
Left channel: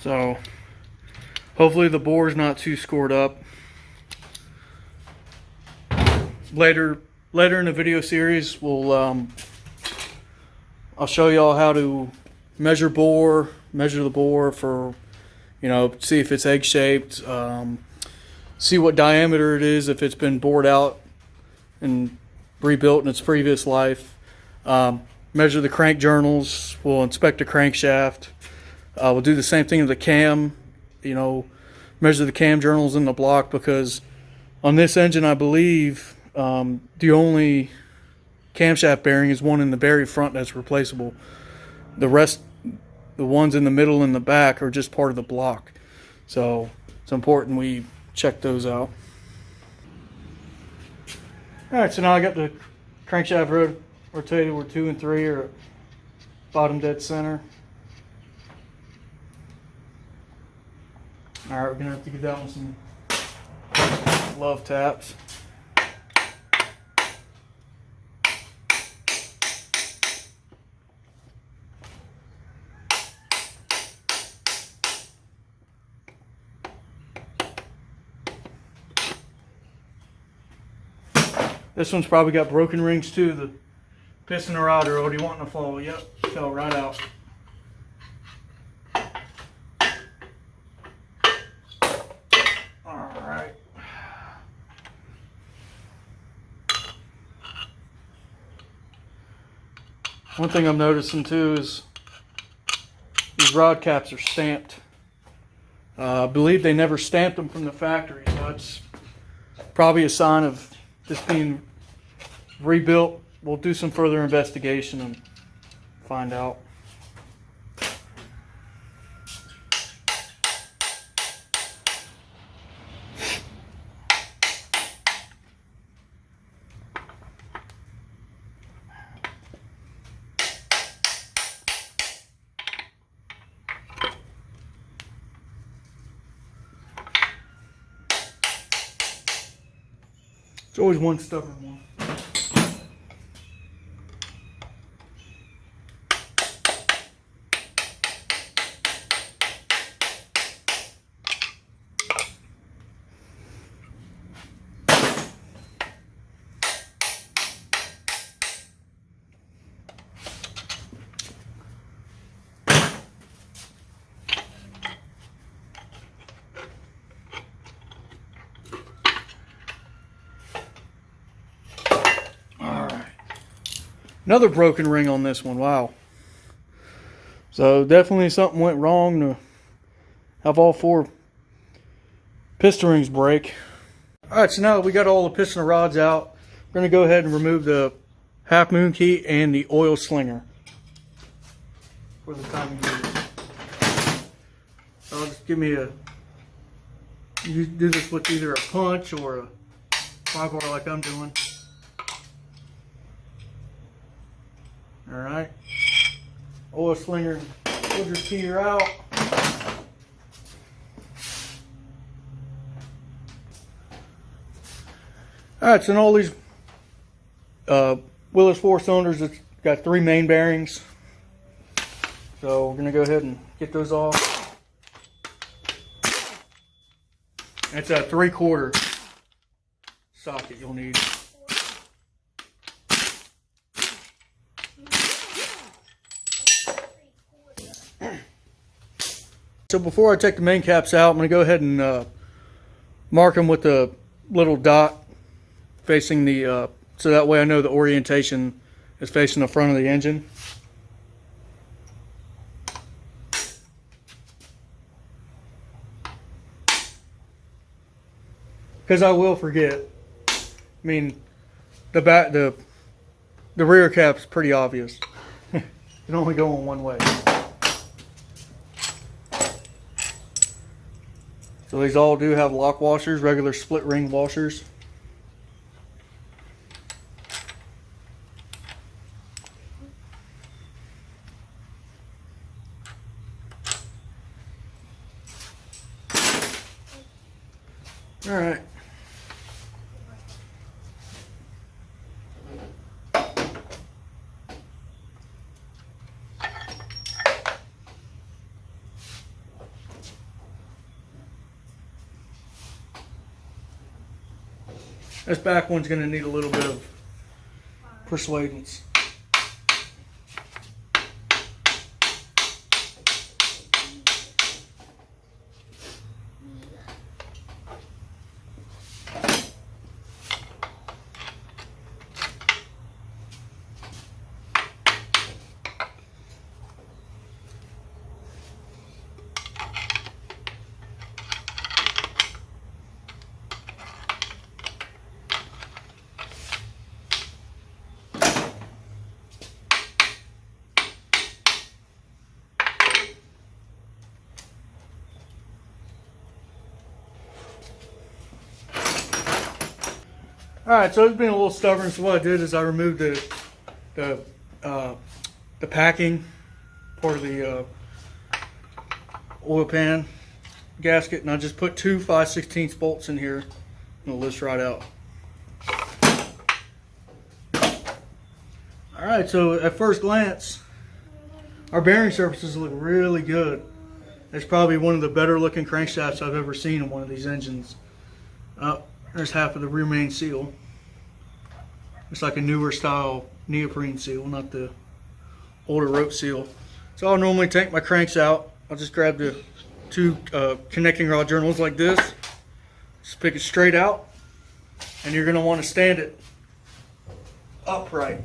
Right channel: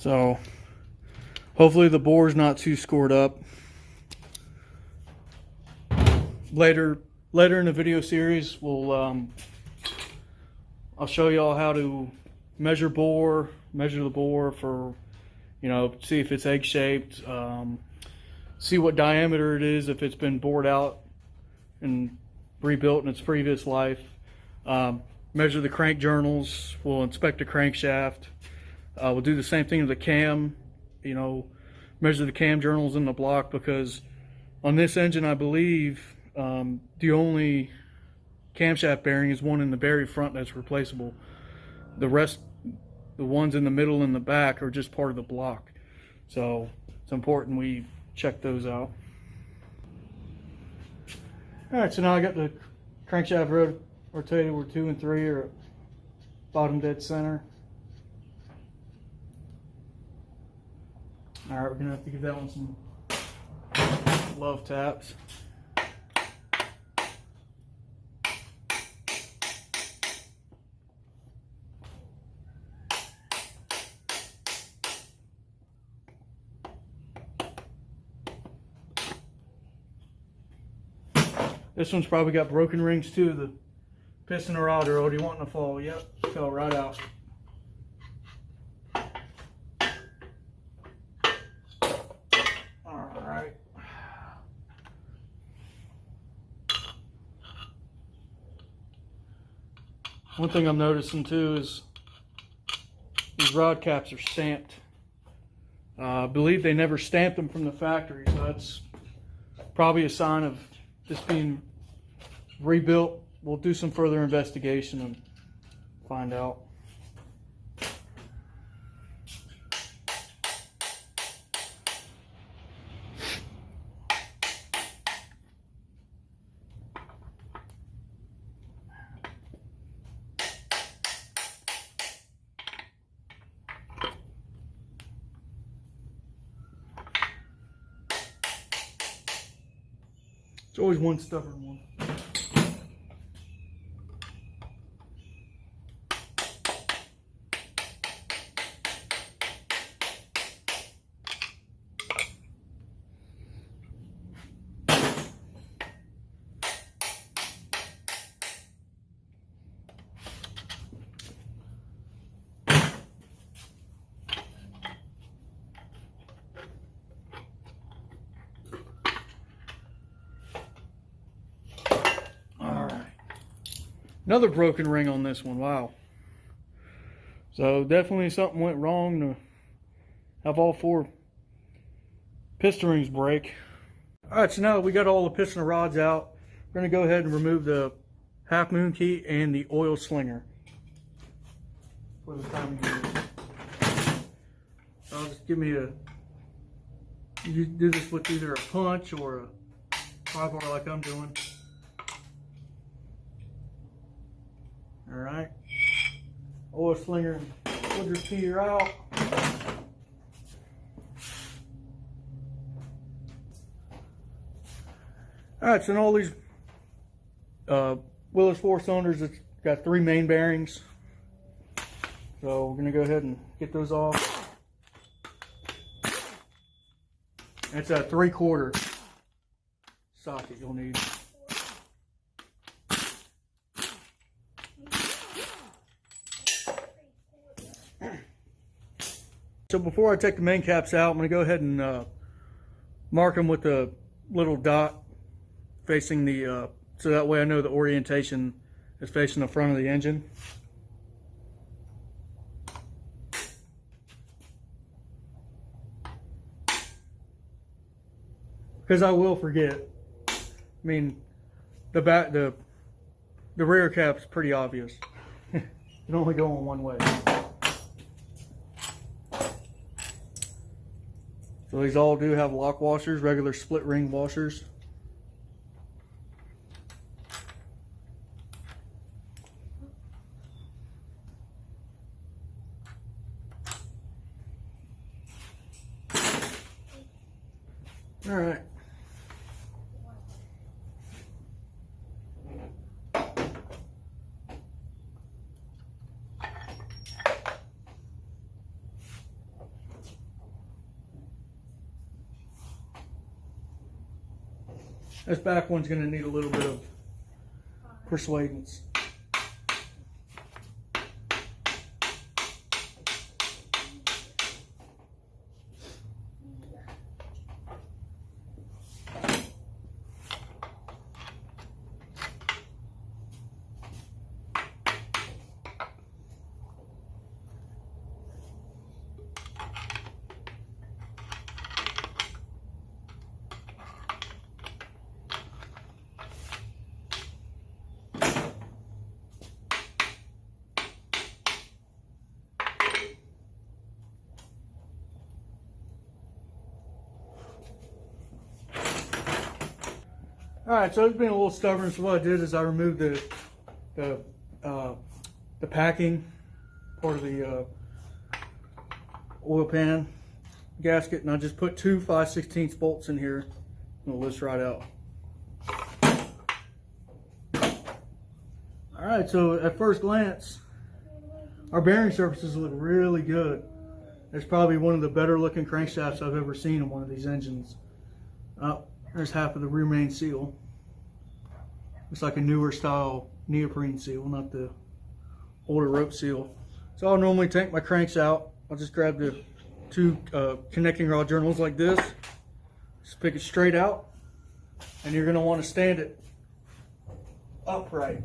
So hopefully the bore's not too scored up. Later in the video series, I'll show y'all how to measure the bore for, see if it's egg shaped, see what diameter it is if it's been bored out and rebuilt in its previous life. Measure the crank journals. We'll inspect the crankshaft. We'll do the same thing with the cam. Measure the cam journals in the block, because on this engine, I believe the only camshaft bearing is one in the very front that's replaceable. The rest, the ones in the middle and the back, are just part of the block. So it's important we check those out. Alright, so now I got the crankshaft rotated where 2 and 3 are bottom dead center. Alright, we're going to have to give that one some love taps. This one's probably got broken rings too. The piston and rod are already wanting to fall. Yep, fell right out. Alright. One thing I'm noticing too is these rod caps are stamped. I believe they never stamped them from the factory, so it's probably a sign of this being rebuilt. We'll do some further investigation and find out. It's always one stubborn one. Another broken ring on this one. Wow. So definitely something went wrong to have all 4 piston rings break. Alright, so now that we got all the piston rods out, we're going to go ahead and remove the half moon key and the oil slinger for the timing gear. So just give me you do this with either a punch or a pry bar like I'm doing. Alright, oil slinger, we'll just key her out. Alright, so in all these Willys 4-cylinders, it's got 3 main bearings. So we're going to go ahead and get those off. It's a 3/4 socket you'll need. So before I take the main caps out, I'm going to go ahead and mark them with a little dot facing the, so that way I know the orientation is facing the front of the engine. Because I will forget. I mean, the rear cap's pretty obvious. It can only go in one way. So these all do have lock washers, regular split ring washers. All right. This back one's going to need a little bit of persuadance. Alright, so it's been a little stubborn, so what I did is I removed the packing part of the oil pan gasket, and I just put 2 5/16 bolts in here, and it'll lift right out. Alright, so at first glance, our bearing surfaces look really good. It's probably one of the better looking crankshafts I've ever seen in one of these engines. There's half of the rear main seal. It's like a newer style neoprene seal, not the older rope seal. So I'll normally take my cranks out. I'll just grab the 2 connecting rod journals like this. Just pick it straight out, and you're going to want to stand it upright.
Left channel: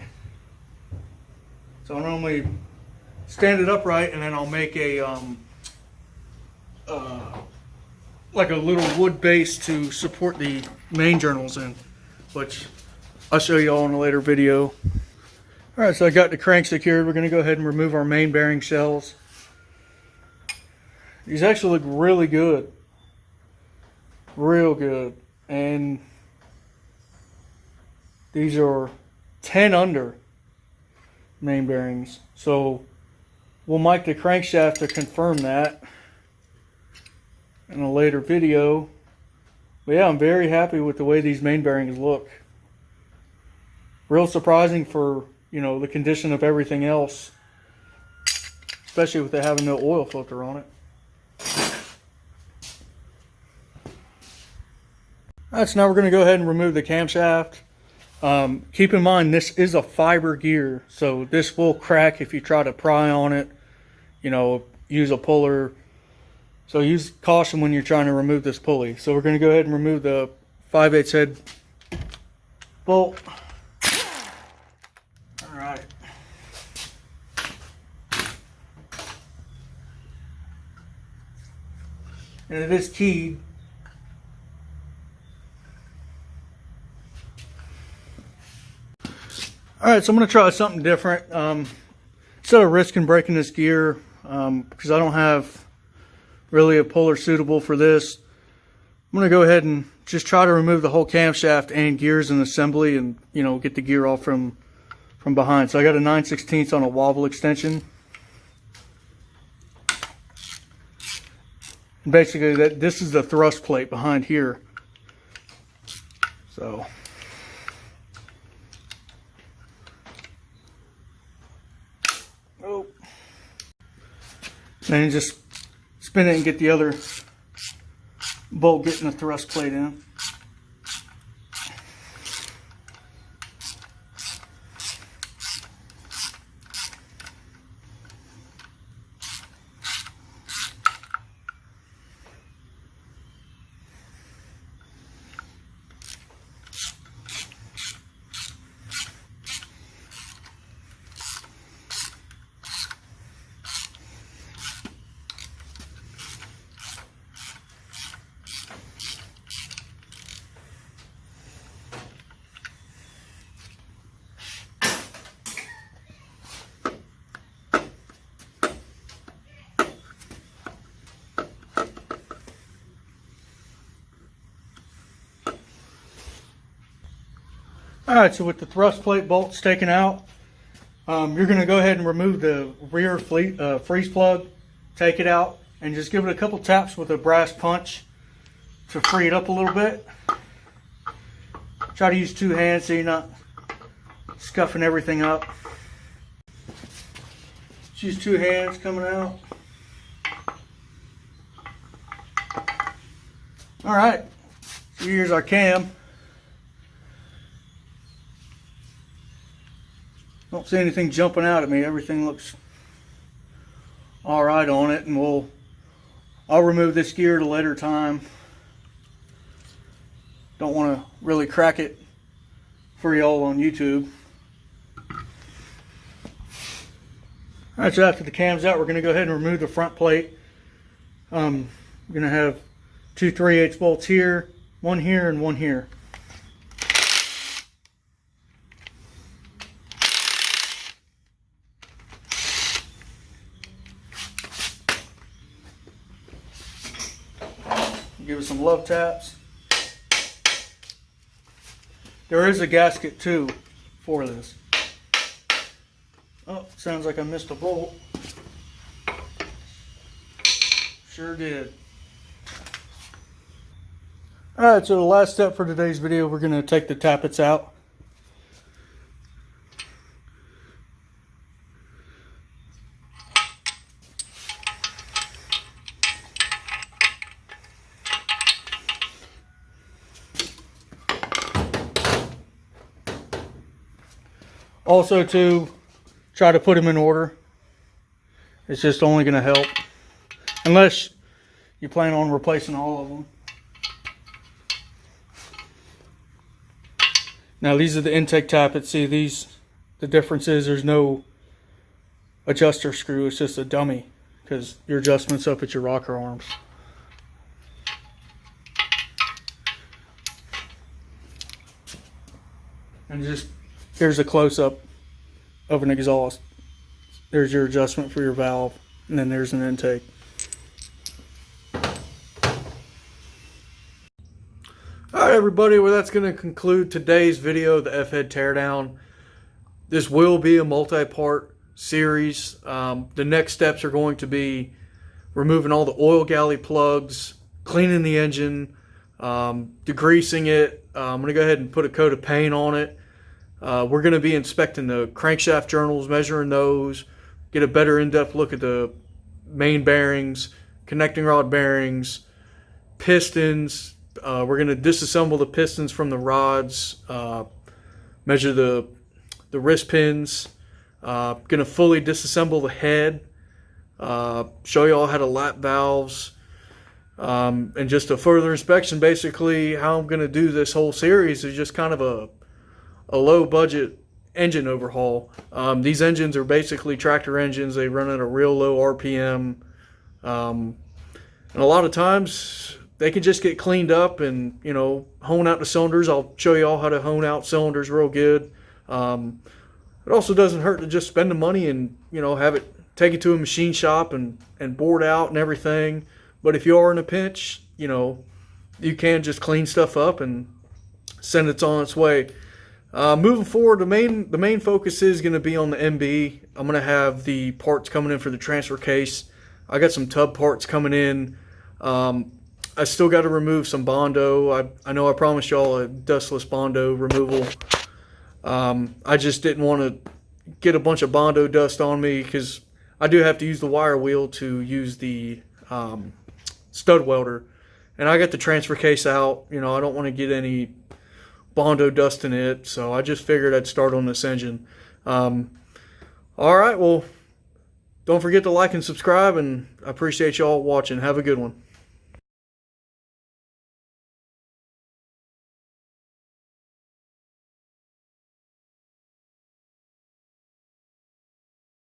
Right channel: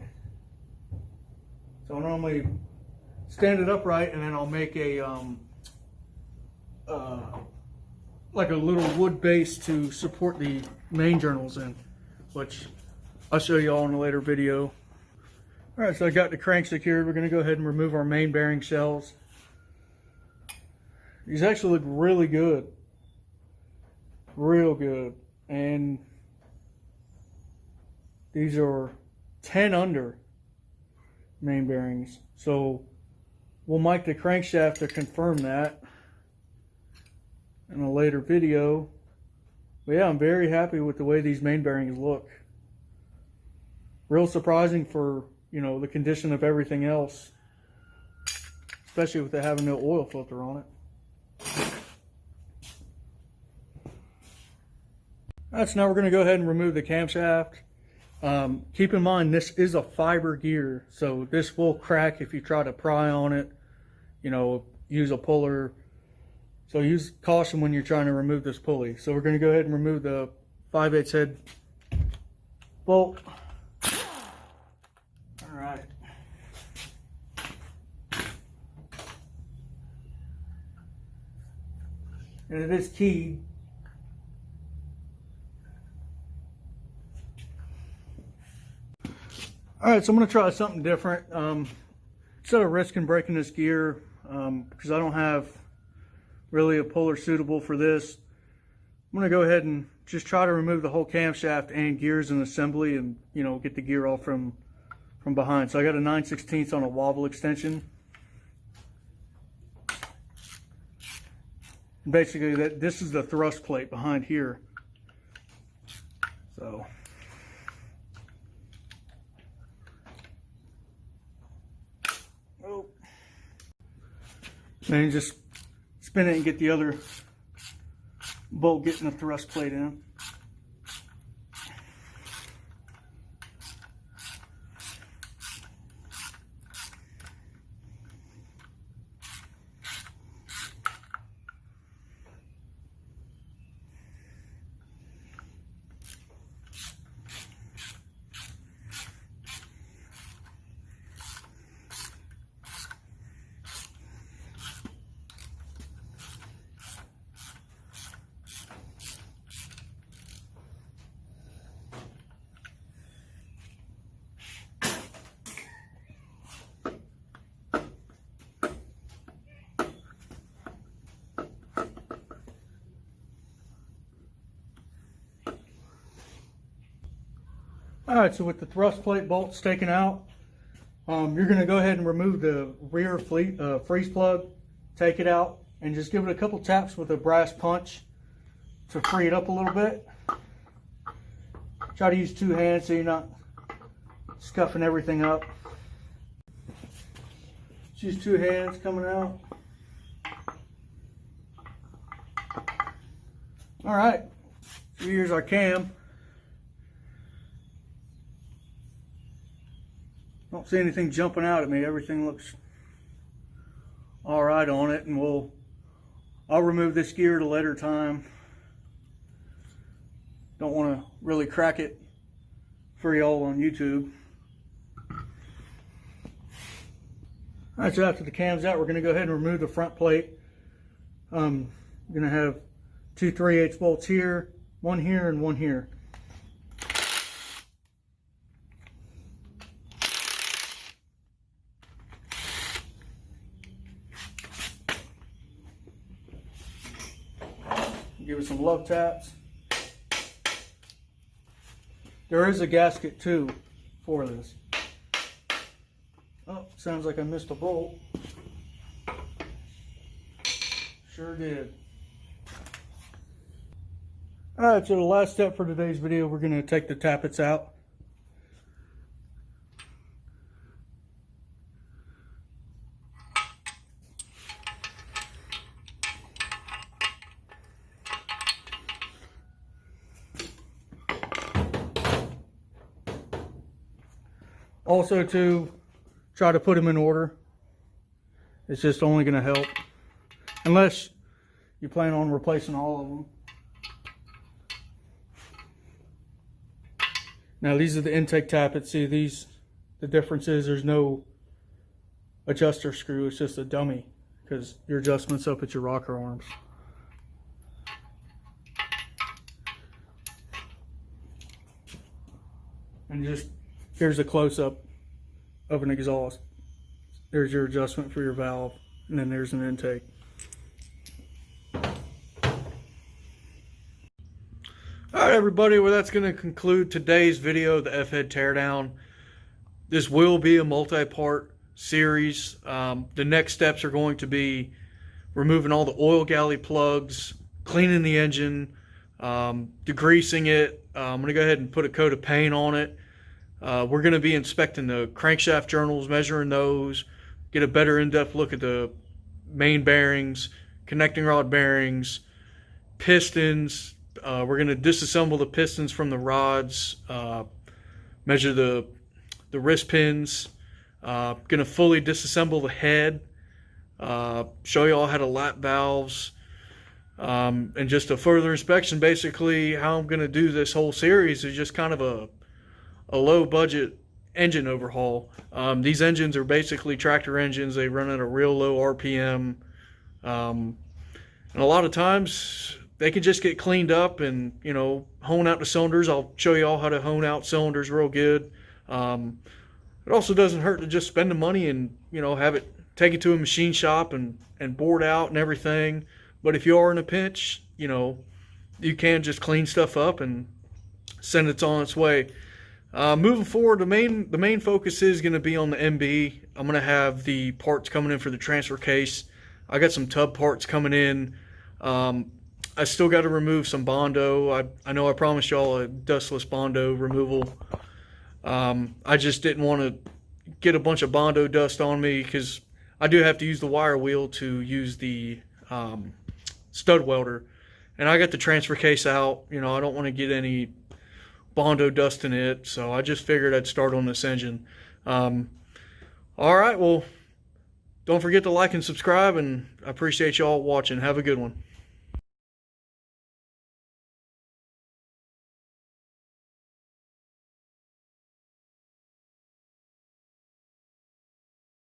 So I normally stand it upright, and then I'll make a like a little wood base to support the main journals in, which I'll show you all in a later video. All right, so I got the crank secured. We're going to go ahead and remove our main bearing shells. These actually look really good, real good, and these are 10 under main bearings. So we'll mic the crankshaft to confirm that in a later video. But yeah, I'm very happy with the way these main bearings look. Real surprising for, you know, the condition of everything else, especially with it having no oil filter on it. Alright, so now we're going to go ahead and remove the camshaft. Keep in mind, this is a fiber gear, so this will crack if you try to pry on it, you know, use a puller. So use caution when you're trying to remove this pulley. So we're going to go ahead and remove the 5/8 head bolt. Alright. And it is keyed. Alright, so I'm going to try something different. Instead of risking breaking this gear, because I don't have really a puller suitable for this, I'm going to go ahead and just try to remove the whole camshaft and gears and assembly, and, you know, get the gear off from behind. So I got a 9/16 on a wobble extension. And basically this is the thrust plate behind here. So then you just spin it and get the other bolt getting the thrust plate in. Alright, so with the thrust plate bolts taken out, you're going to go ahead and remove the rear freeze plug, take it out, and just give it a couple taps with a brass punch to free it up a little bit. Try to use two hands so you're not scuffing everything up. Just use two hands coming out. Alright, so here's our cam. Don't see anything jumping out at me. Everything looks all right on it, and I'll remove this gear at a later time. Don't want to really crack it for y'all on YouTube. Alright, so after the cam's out, we're going to go ahead and remove the front plate. We're going to have two 3/8 bolts here, one here, and one here. Give it some love taps. There is a gasket too for this. Oh, sounds like I missed a bolt. Sure did. Alright, so the last step for today's video, we're going to take the tappets out. Also, to try to put them in order. It's just only going to help, unless you plan on replacing all of them. Now these are the intake tappets. See, the difference is there's no adjuster screw. It's just a dummy because your adjustment's up at your rocker arms. And just here's a close-up of an exhaust. There's your adjustment for your valve, and then there's an intake. Alright everybody, well that's going to conclude today's video, the Fhead teardown. This will be a multi-part series. The next steps are going to be removing all the oil galley plugs, cleaning the engine, degreasing it. I'm going to go ahead and put a coat of paint on it. We're going to be inspecting the crankshaft journals, measuring those, get a better in-depth look at the main bearings, connecting rod bearings, pistons. We're going to disassemble the pistons from the rods, measure the wrist pins, going to fully disassemble the head, show you all how to lap valves, and just a further inspection. Basically, how I'm going to do this whole series is just kind of a low budget engine overhaul. These engines are basically tractor engines. They run at a real low RPM, and a lot of times they can just get cleaned up and, you know, hone out the cylinders. I'll show you all how to hone out cylinders real good. It also doesn't hurt to just spend the money and, you know, have it take it to a machine shop and board out and everything. But if you are in a pinch, you know, you can just clean stuff up and send it on its way. Moving forward, the main focus is going to be on the MB. I'm going to have the parts coming in for the transfer case. I got some tub parts coming in. I still got to remove some Bondo. I know I promised y'all a dustless Bondo removal. I just didn't want to get a bunch of Bondo dust on me because I do have to use the wire wheel to use the stud welder. And I got the transfer case out. You know, I don't want to get any Bondo dust in it, so I just figured I'd start on this engine. All right, well, don't forget to like and subscribe, and I appreciate y'all watching. Have a good one.